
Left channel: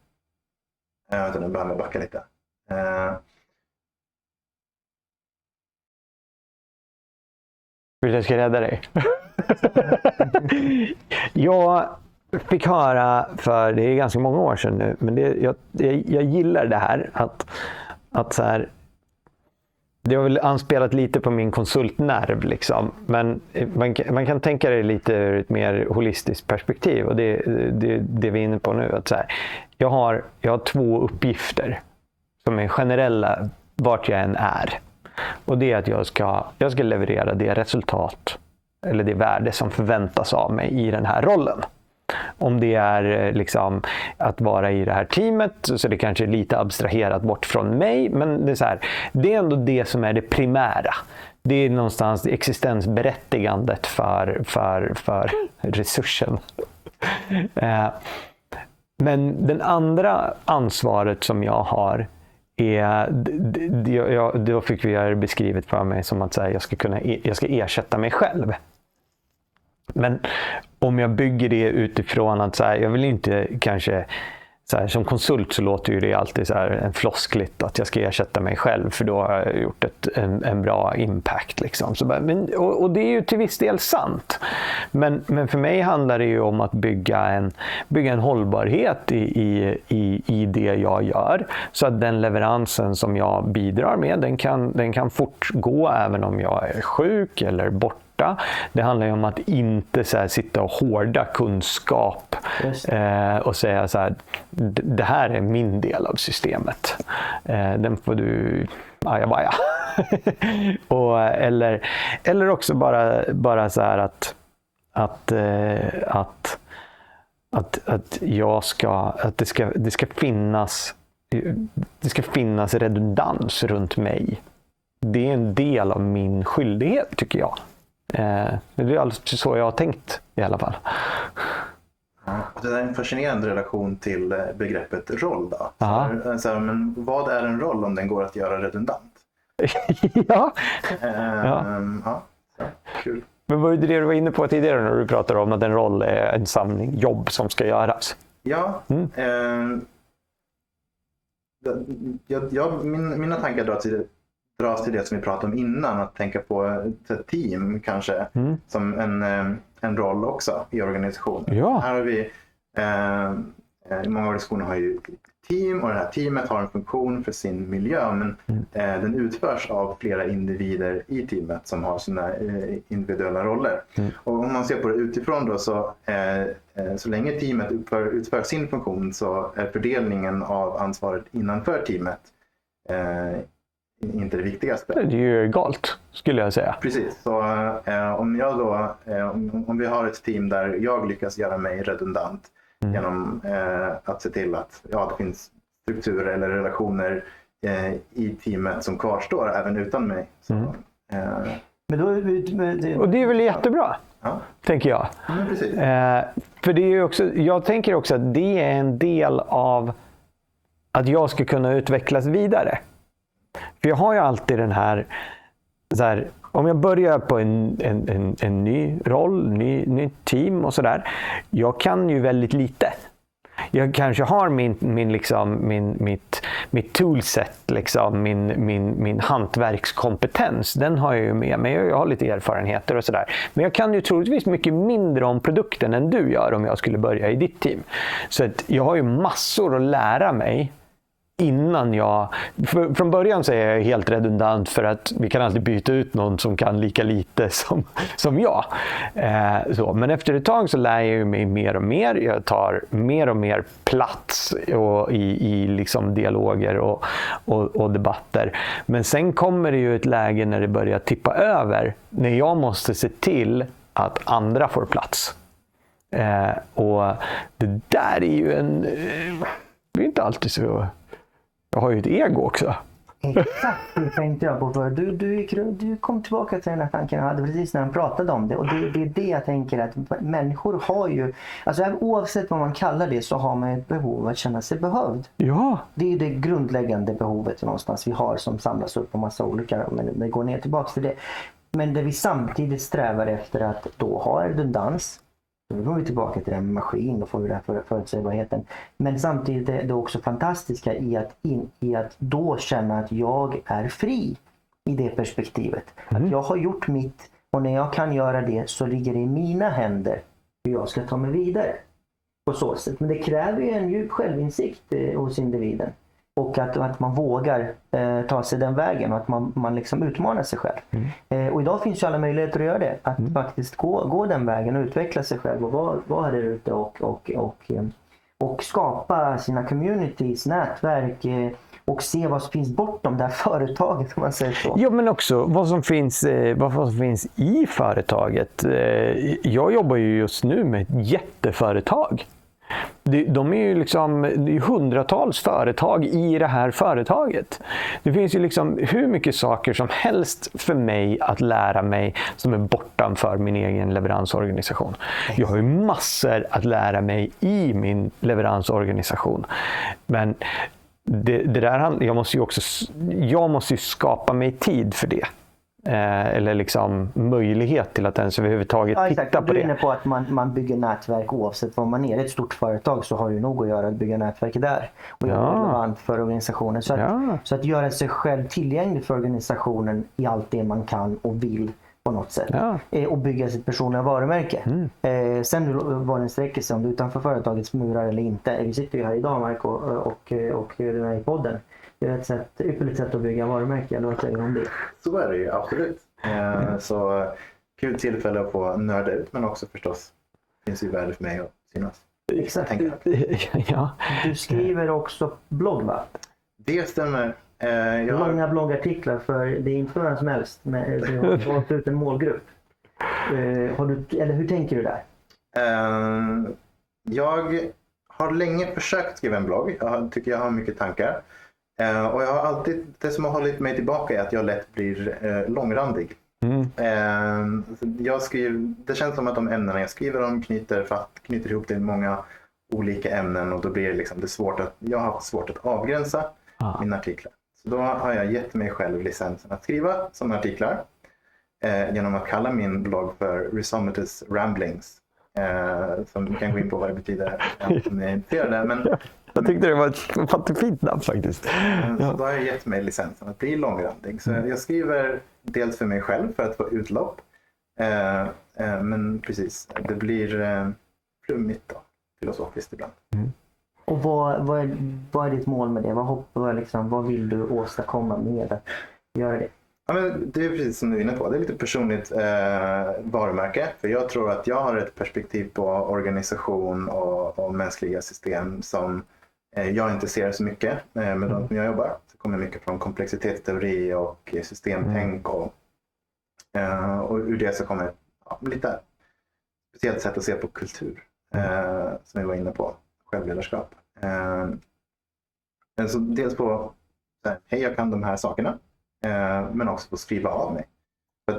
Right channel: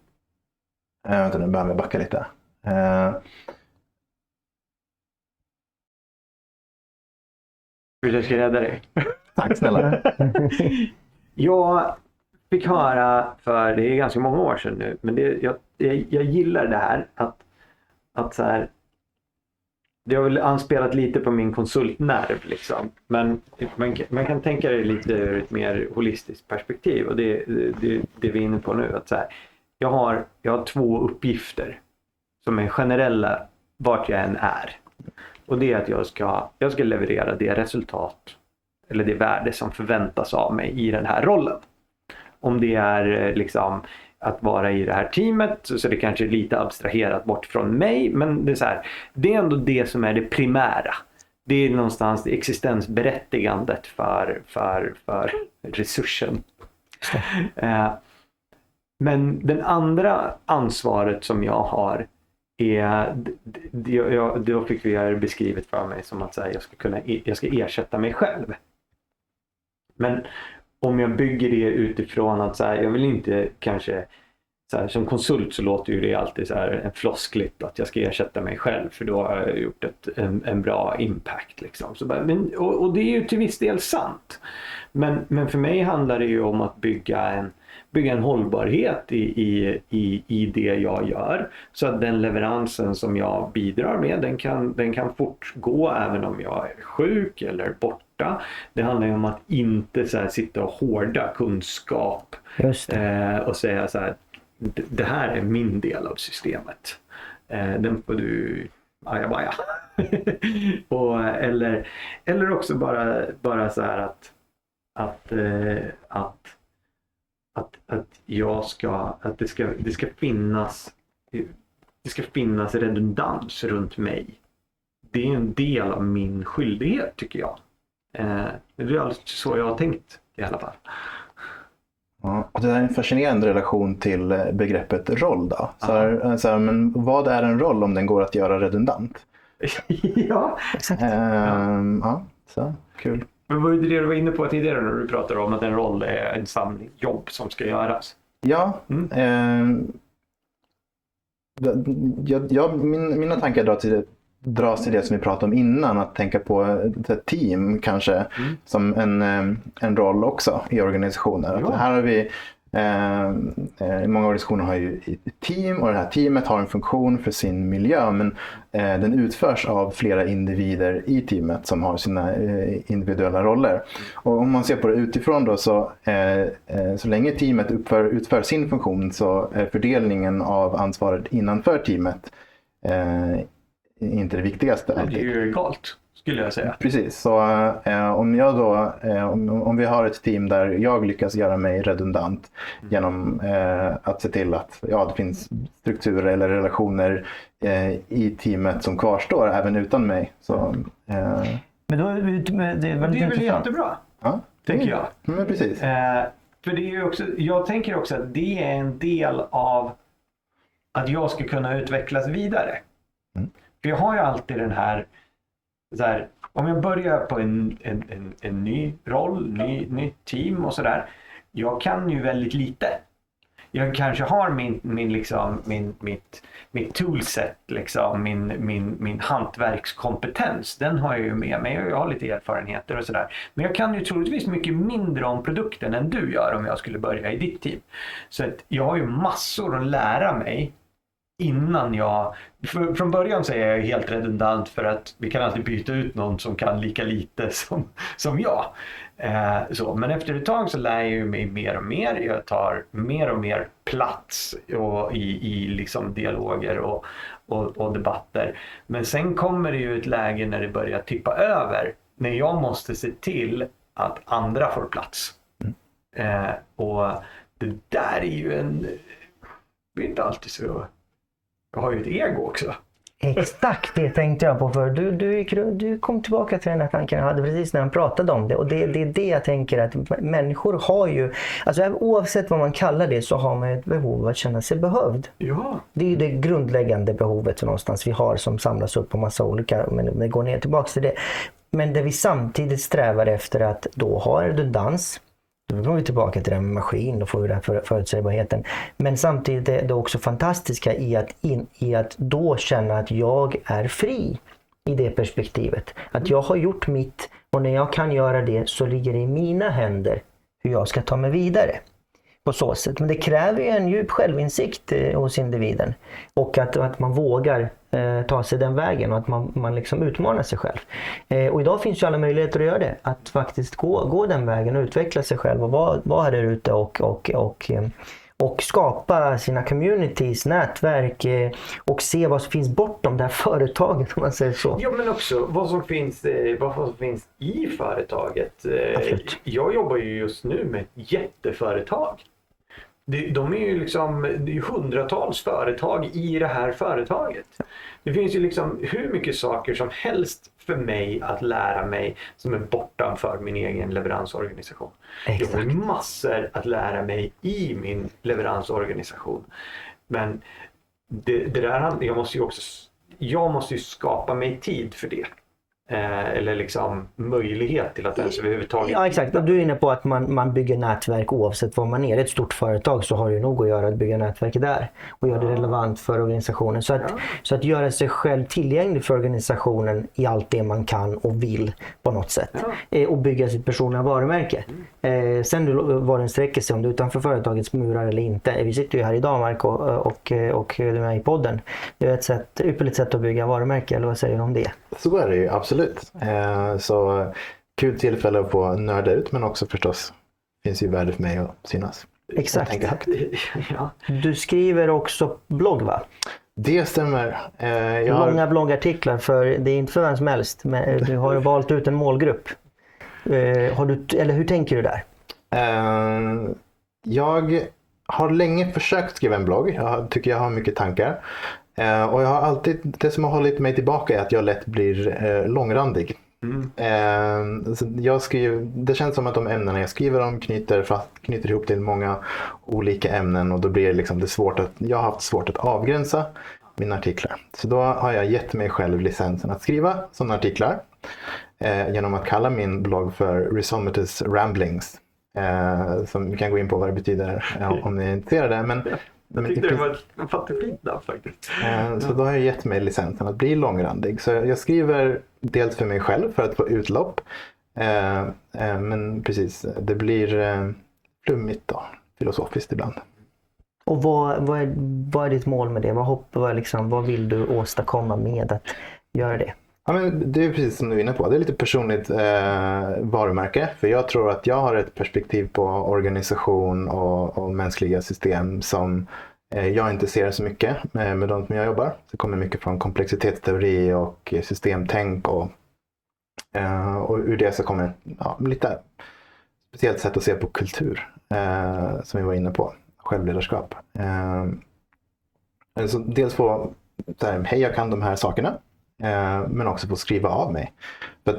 Nu behöver jag backa lite. Jag ska rädda dig. Tack snälla. Jag fick höra, för det är ganska många år sedan nu, men jag gillar det här att så här, det har väl anspelat lite på min konsultnerv liksom, men man kan tänka det lite ur ett mer holistiskt perspektiv, och det vi är inne på nu, att så här, jag har 2 uppgifter som är generella vart jag än är. Och det är att jag ska leverera det resultat eller det värde som förväntas av mig i den här rollen. Om det är liksom att vara i det här teamet, så det kanske är lite abstraherat bort från mig, men det är så här, det är ändå det som är det primära. Det är någonstans existensberättigandet för resursen. Men den andra ansvaret som jag har då fick vi det beskrivet för mig som att säga, jag ska ersätta mig själv. Men om jag bygger det utifrån att så här, jag vill inte kanske så här, som konsult så låter ju det alltid så här en floskligt att jag ska ersätta mig själv, för då har jag gjort en bra impact liksom. Och det är ju till viss del sant. Men för mig handlar det ju om att bygga en hållbarhet i det jag gör, så att den leveransen som jag bidrar med, den kan fortgå även om jag är sjuk eller borta. Det handlar ju om att inte så här, sitta och hårda kunskap och säga så här, det här är min del av systemet. Den får du ajabaja. Eller också bara så här att att det ska finnas redundans runt mig. Det är en del av min skyldighet, tycker jag. Det är alldeles så jag har tänkt i alla fall. Ja, och det är en fascinerande relation till begreppet roll då. Men vad är en roll om den går att göra redundant? Ja. Ja, så kul. Men vad är det du var inne på tidigare när du pratade om att en roll är en samling jobb som ska göras? Ja, mina tankar dras till det som vi pratade om innan, att tänka på ett team kanske som en roll också i organisationer. Ja. Här har vi många organisationer har ju ett team, och det här teamet har en funktion för sin miljö, men den utförs av flera individer i teamet som har sina individuella roller. Och om man ser på det utifrån då, så länge teamet utför sin funktion, så är fördelningen av ansvaret innanför teamet inte det viktigaste. Det är ju egalt, skulle jag säga. Precis, så om vi har ett team där jag lyckas göra mig redundant genom att se till att det finns strukturer eller relationer i teamet som kvarstår även utan mig. Så, Men då, och det är väl jättebra, tänker jag. Men precis. För det är ju också, jag tänker också att det är en del av att jag ska kunna utvecklas vidare. För jag har ju alltid den här, om jag börjar på en ny roll, ny team och sådär. Jag kan ju väldigt lite. Jag kanske har mitt toolset, liksom, min hantverkskompetens. Den har jag ju med mig. Jag har lite erfarenheter och sådär. Men jag kan ju troligtvis mycket mindre om produkten än du gör om jag skulle börja i ditt team. Så att jag har ju massor att lära mig. Innan från början så är jag helt redundant, för att vi kan alltid byta ut någon som kan lika lite som jag. Men efter ett tag så lär jag mig mer och mer. Jag tar mer och mer plats i liksom dialoger och debatter. Men sen kommer det ju ett läge när det börjar tippa över. När jag måste se till att andra får plats. Och det där är ju det är inte alltid så. Jag har ju ett ego också. Exakt, det tänkte jag på. För du kom tillbaka till den här tanken jag hade precis när han pratade om det. Och det är det jag tänker, att människor har ju, alltså oavsett vad man kallar det, så har man ett behov att känna sig behövd. Ja. Det är det grundläggande behovet någonstans vi har, som samlas upp på massa olika, men det går ner tillbaka till det. Men det vi samtidigt strävar efter att då ha redundans. Då går vi tillbaka till den med maskin, då får vi den förutsägbarheten. Men samtidigt är det också fantastiska i att då känna att jag är fri i det perspektivet. Att jag har gjort mitt, och när jag kan göra det så ligger det i mina händer hur jag ska ta mig vidare. På så sätt. Men det kräver ju en djup självinsikt hos individen. Och att man vågar ta sig den vägen, och att man liksom utmanar sig själv. Och idag finns ju alla möjligheter att göra det. Att faktiskt gå den vägen och utveckla sig själv och vara här ute och skapa sina communities, nätverk och se vad som finns bortom det här företaget, om man säger så. Ja, men också vad som finns i företaget. Jag jobbar ju just nu med ett jätteföretag. De är ju liksom, det är hundratals företag i det här företaget. Det finns ju liksom hur mycket saker som helst för mig att lära mig som är bortanför min egen leveransorganisation. Jag har ju massor att lära mig i min leveransorganisation. Men det där, jag måste ju skapa mig tid för det. Eller liksom möjlighet till att ens överhuvudtaget exakt. titta på du är det. inne på att man bygger nätverk oavsett vad man är. Ett stort företag så har det ju nog att göra att bygga nätverk där och göra det relevant för organisationen. Så att göra sig själv tillgänglig för organisationen i allt det man kan och vill på något sätt. Och bygga sitt personliga varumärke. Sen vad den sträcker sig, om det är utanför företagets murar eller inte. Vi sitter ju här idag, Marco, och du är med i podden. Det är ett ypperligt sätt att bygga varumärke, eller vad säger du om det? Så är det ju, absolut. Så kul tillfälle att få nörda ut, men också förstås finns ju värde för mig att synas. Exakt. Ja. Du skriver också blogg, va? Det stämmer. Många bloggartiklar, för det är inte för vem som helst, men du har valt ut en målgrupp. Hur tänker du där? Jag har länge försökt skriva en blogg. Tycker jag har mycket tankar. Och jag har alltid, det som har hållit mig tillbaka är att jag lätt blir långrandig. Så det känns som att de ämnena jag skriver om knyter ihop till många olika ämnen, och då blir det liksom jag har haft svårt att avgränsa mina artiklar. Så då har jag gett mig själv licensen att skriva sådana artiklar genom att kalla min blogg för Rhizomatous Ramblings. Som vi kan gå in på vad det betyder om ni är intresserade. Men jag tyckte det var ett jättefint namn faktiskt. Så då har jag gett mig licensen att bli långrandig. Så jag skriver dels för mig själv för att få utlopp. Men precis, det blir flummigt då, filosofiskt ibland. Och vad är ditt mål med det? Vad vill du åstadkomma med att göra det? Ja, men det är precis som du är inne på. Det är lite personligt varumärke. För jag tror att jag har ett perspektiv på organisation och mänskliga system som jag inte ser så mycket med de som jag jobbar. Det kommer mycket från komplexitetsteori och systemtänk. Och ur det så kommer lite speciellt sätt att se på kultur som vi var inne på. Självledarskap. Så dels få hej, jag kan de här sakerna. Men också få skriva av mig.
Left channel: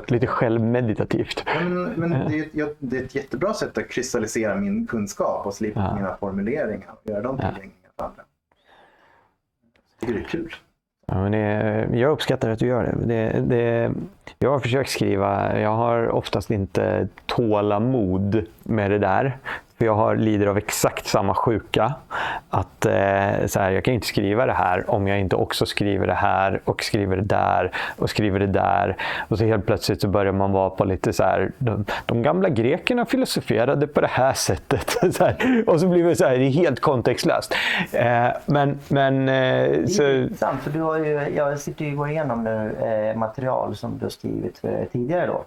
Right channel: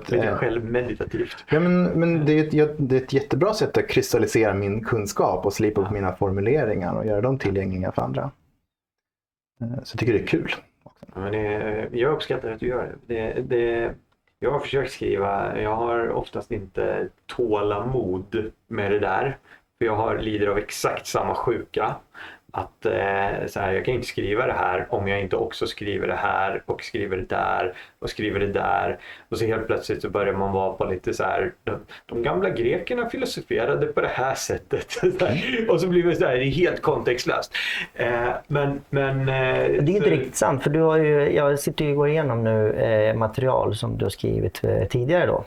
Lite självmeditativt. Ja, men det är ett jättebra sätt att kristallisera min kunskap och slipa upp mina formuleringar och göra dem tillgängliga för andra. Så jag tycker det är kul. Ja, men jag uppskattar att du gör det. Jag har försökt skriva, jag har oftast inte tålamod med det där. För jag lider av exakt samma sjuka. Att jag kan inte skriva det här om jag inte också skriver det här och skriver det där och skriver det där. Och så helt plötsligt så börjar man vara på lite så här, de gamla grekerna filosoferade på det här sättet. Så här, och så blir det så här, det är helt kontextlöst. Det är inte riktigt sant, för jag sitter ju och går igenom nu material som du har skrivit tidigare då.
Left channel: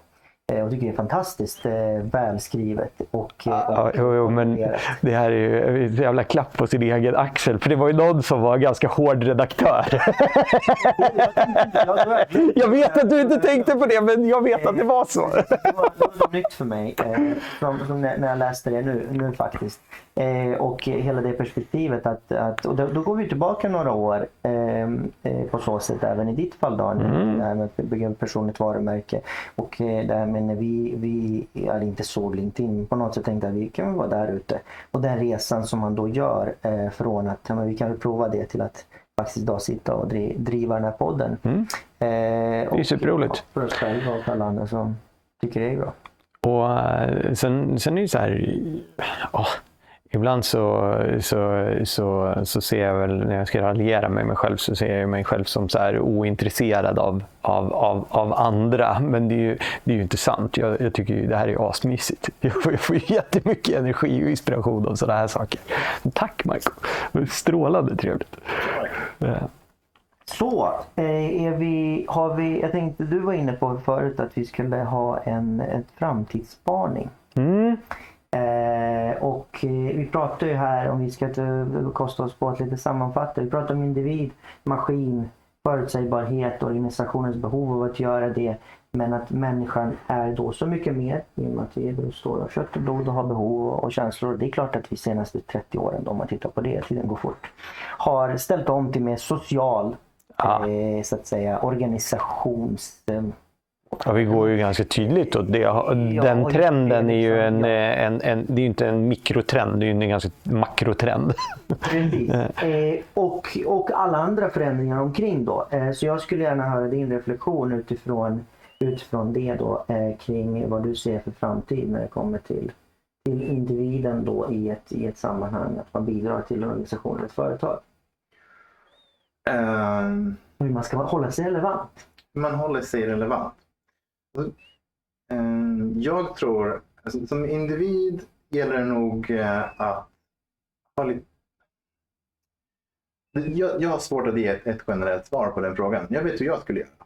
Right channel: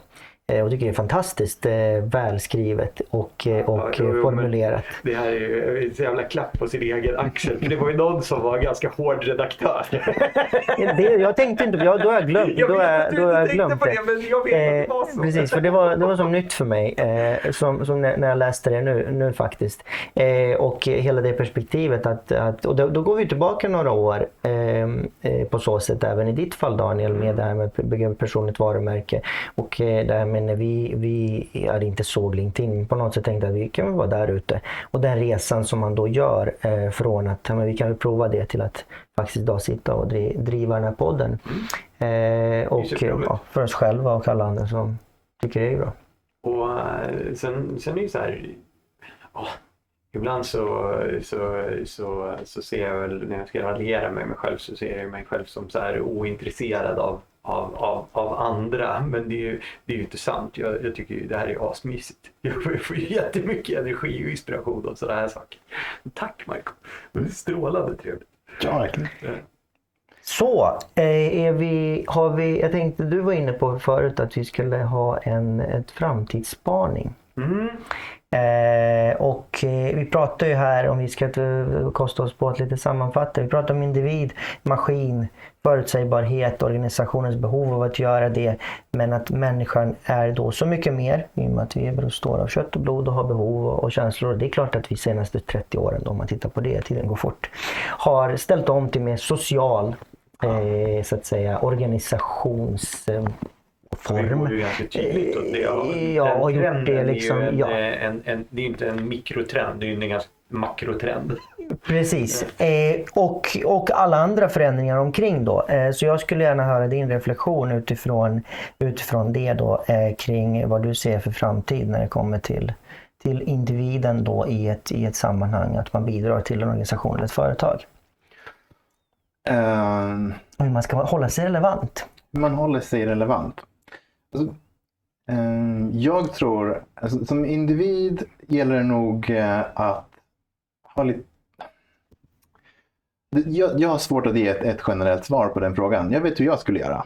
Och tycker det är fantastiskt välskrivet och formulerat. Det här är ju en jävla klapp på sin egen axel. För det var ju någon som var ganska hård redaktör. Jag tänkte inte, då har jag glömt. Jag vet att du inte tänkte på det, men jag vet att det var så. Precis, för det var så nytt för mig som när jag läste det nu faktiskt. Och hela det perspektivet och då går vi tillbaka några år på så sätt även i ditt fall, Daniel, med det här med att bygga personligt varumärke och det här med när vi hade inte såg LinkedIn, men på något sätt tänkte att vi kan vara där ute. Och den resan som man då gör från att vi kan prova det till att faktiskt idag sitta och driva den här podden. Och för oss själva och alla andra som tycker det är bra. Och sen är det så här, ibland så ser jag väl, när jag ska raljera med mig själv, så ser jag mig själv som så här ointresserad av andra. Men det är ju inte sant. Jag tycker ju det här är asmysigt. Jag får jättemycket energi och inspiration av sådana här saker. Tack Michael. Det är strålande trevligt. Ja. Så, jag tänkte, du var inne på förut att vi skulle ha ett framtidsspaning. Och vi pratar ju här, om vi ska kosta oss på att lite sammanfatta, vi pratar om individ, maskin, förutsägbarhet, organisationens behov av att göra det, men att människan är då så mycket mer, i och med att vi består av kött och blod och har behov och känslor. Det är klart att vi senaste 30 åren, då, om man tittar på det, tiden går fort, har ställt om till mer social så att säga organisations... Ja, vi går ju ganska tydligt åt det. Den trenden är ju det är inte en mikrotrend, det är en ganska makrotrend. Precis. Och alla andra förändringar omkring då. Så jag skulle gärna höra din reflektion utifrån det då, kring vad du ser för framtid när det kommer till individen då i ett sammanhang, att man bidrar till en organisation eller ett företag. Hur man ska hålla sig relevant. Man håller sig relevant. Jag tror, som individ gäller det nog att ha lite... Jag har svårt att ge ett generellt svar på den frågan. Jag vet hur jag skulle göra.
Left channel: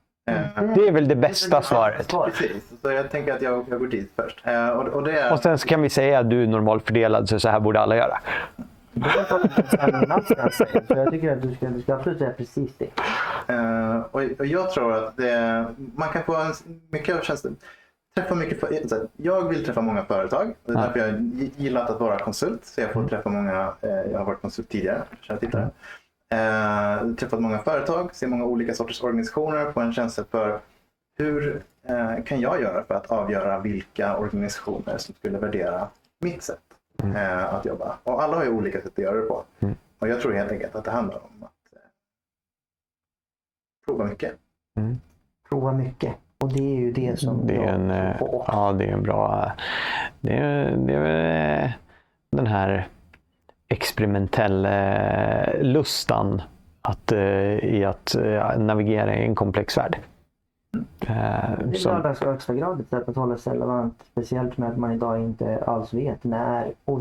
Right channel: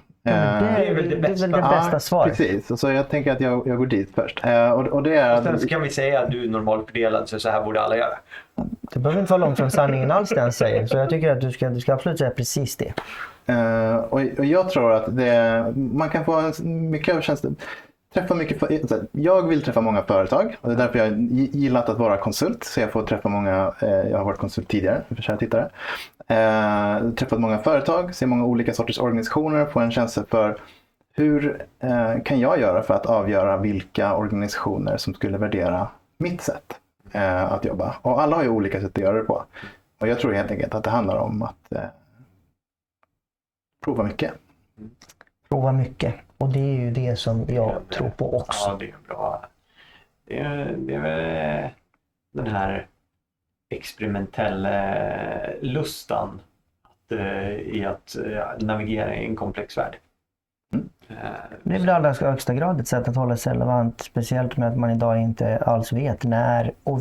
Det är väl det bästa svaret. Precis, så jag tänker att jag går dit först. Och sen så kan vi säga att du är normalfördelad, så här borde alla göra. Det behöver inte vara långt från sanningen alls det han säger. Så jag tycker att du ska absolut säga precis det. Och jag tror att man kan få mycket överkänsla. träffa mycket jag vill träffa många företag och det är därför jag gillat att vara konsult. Så jag får träffa många, jag har varit konsult tidigare för kära tittare. Träffat många företag, ser många olika sorters organisationer, få en känsla för hur kan jag göra för att avgöra vilka organisationer som skulle värdera mitt sätt att jobba. Och alla har ju olika sätt att göra det på. Och jag tror helt enkelt att det handlar om att prova mycket. Prova mycket. Och det är ju det som jag tror på också. Ja, det är en bra... Det är väl den här experimentella lustan i att navigera i en komplex värld. Det är i allra högsta grad ett sätt att hålla sig relevant, speciellt med att man idag inte alls vet när och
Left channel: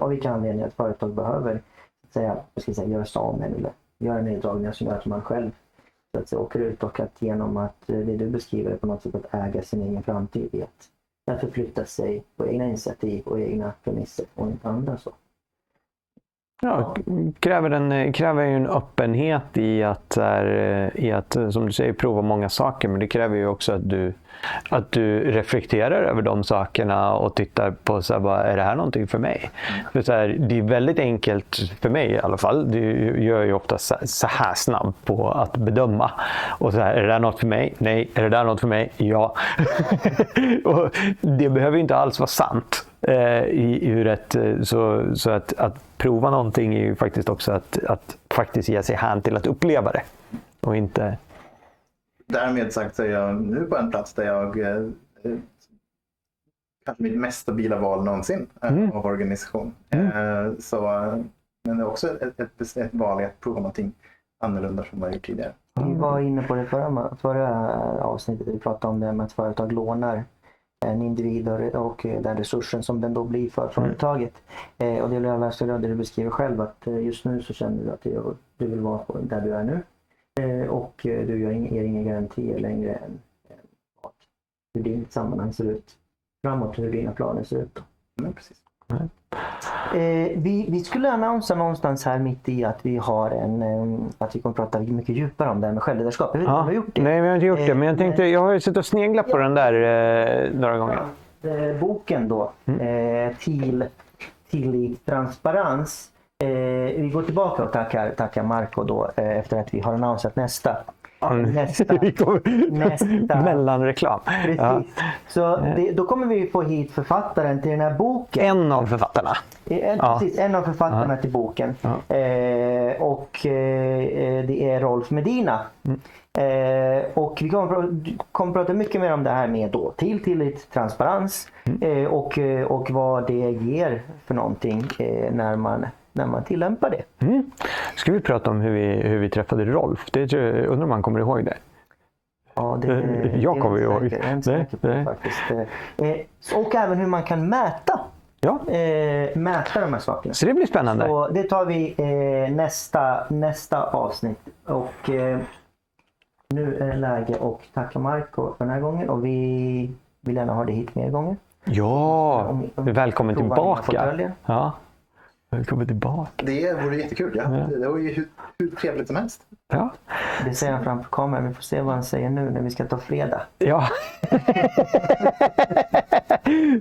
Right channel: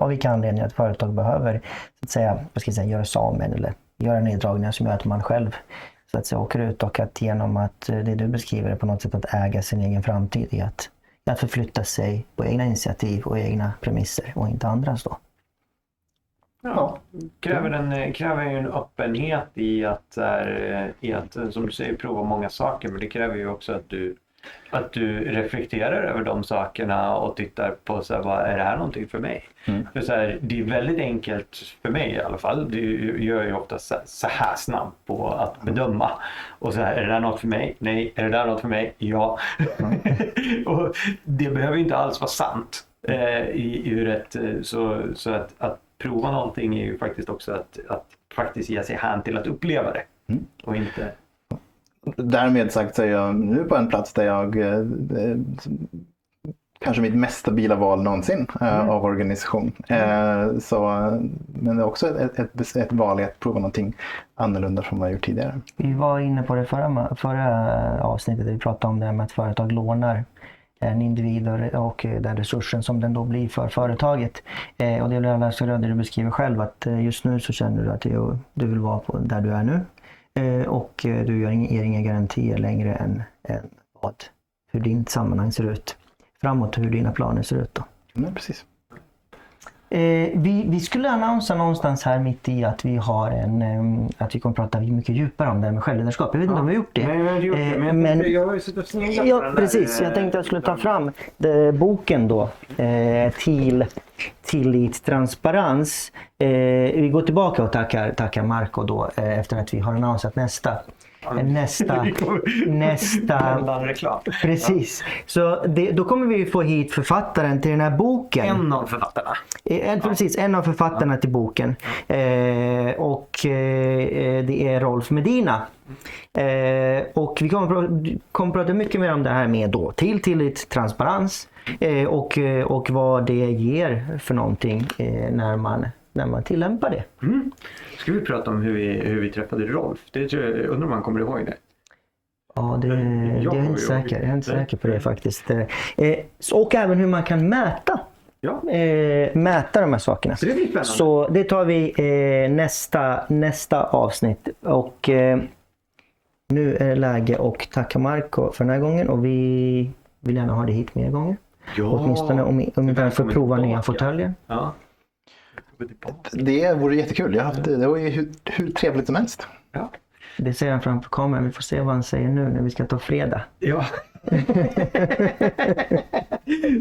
av vilka anledningar ett företag behöver så att säga, göra sig av med eller göra neddragningar som gör att man själv så att säga åker ut, och att genom att det du beskriver är på något sätt att äga sin egen framtid i att förflytta sig på egna initiativ och egna premisser och inte andras då. Ja, kräver ju en öppenhet i att som du säger prova många saker, men det kräver ju också att du reflekterar över de sakerna och tittar på så här, vad är det här någonting för mig? För så här, det är väldigt enkelt för mig i alla fall. Vi gör ju ofta så här snabbt på att bedöma. Och så här, är det där något för mig? Nej. Är det där något för mig? Ja. Och det behöver inte alls vara sant. Så att prova någonting är ju faktiskt också att faktiskt ge sig hän till att uppleva det. Och inte... Därmed sagt så är jag nu på en plats där jag kanske mitt mest stabila val någonsin av organisation. Men det är också ett val i att prova någonting annorlunda från vad jag gjort tidigare. Vi var inne på det förra avsnittet där vi pratade om det med att företag lånar en individ och den resursen som den då blir för företaget. Och det är alla så det du beskriver själv, att just nu så känner du att du vill vara på där du är nu. Och du ger inga garantier längre än hur din sammanhang ser ut framåt, hur dina planer ser ut då. Nej, precis. Vi skulle annonsera någonstans här mitt i att vi har att vi kommer prata mycket djupare om det här med självledarskap. Jag vet inte om vi har gjort det. Nej, vi har inte gjort det, men jag tänkte, jag har ju suttit och sneglat på den där. Precis, jag tänkte att jag skulle ta fram boken då, Tillit, transparens. Vi går tillbaka och tackar Marco då efter att vi har annonsat nästa mellanreklam. Precis. Så då kommer vi få hit författaren till den här boken. En av författarna. Precis, en av författarna till boken. Och det är Rolf Medina. Och vi kommer prata mycket mer om det här med då tillit, transparens och vad det ger för någonting när man tillämpar det. Ska vi prata om hur vi träffade Rolf? Undrar om man kommer ihåg det? Ja, jag är inte säker på det faktiskt. Och även hur man kan mäta de här sakerna. Så det blir spännande. Så det tar vi nästa avsnitt. Och nu är det läge att tacka Marco för den här gången. Och vi vill gärna ha det hit mer gånger. Ja, åtminstone om vi får prova nya fåtöljer. Ja. Välkommen tillbaka. Det vore jättekul. Det var ju hur trevligt som helst. Ja. Det säger han framför kameran. Vi får se vad han säger nu när vi ska ta fredag. Ja.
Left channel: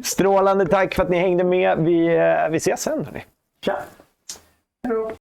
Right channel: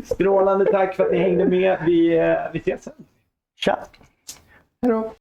Strålande tack för att ni hängde med. Vi ses sen. Tja! Hej då!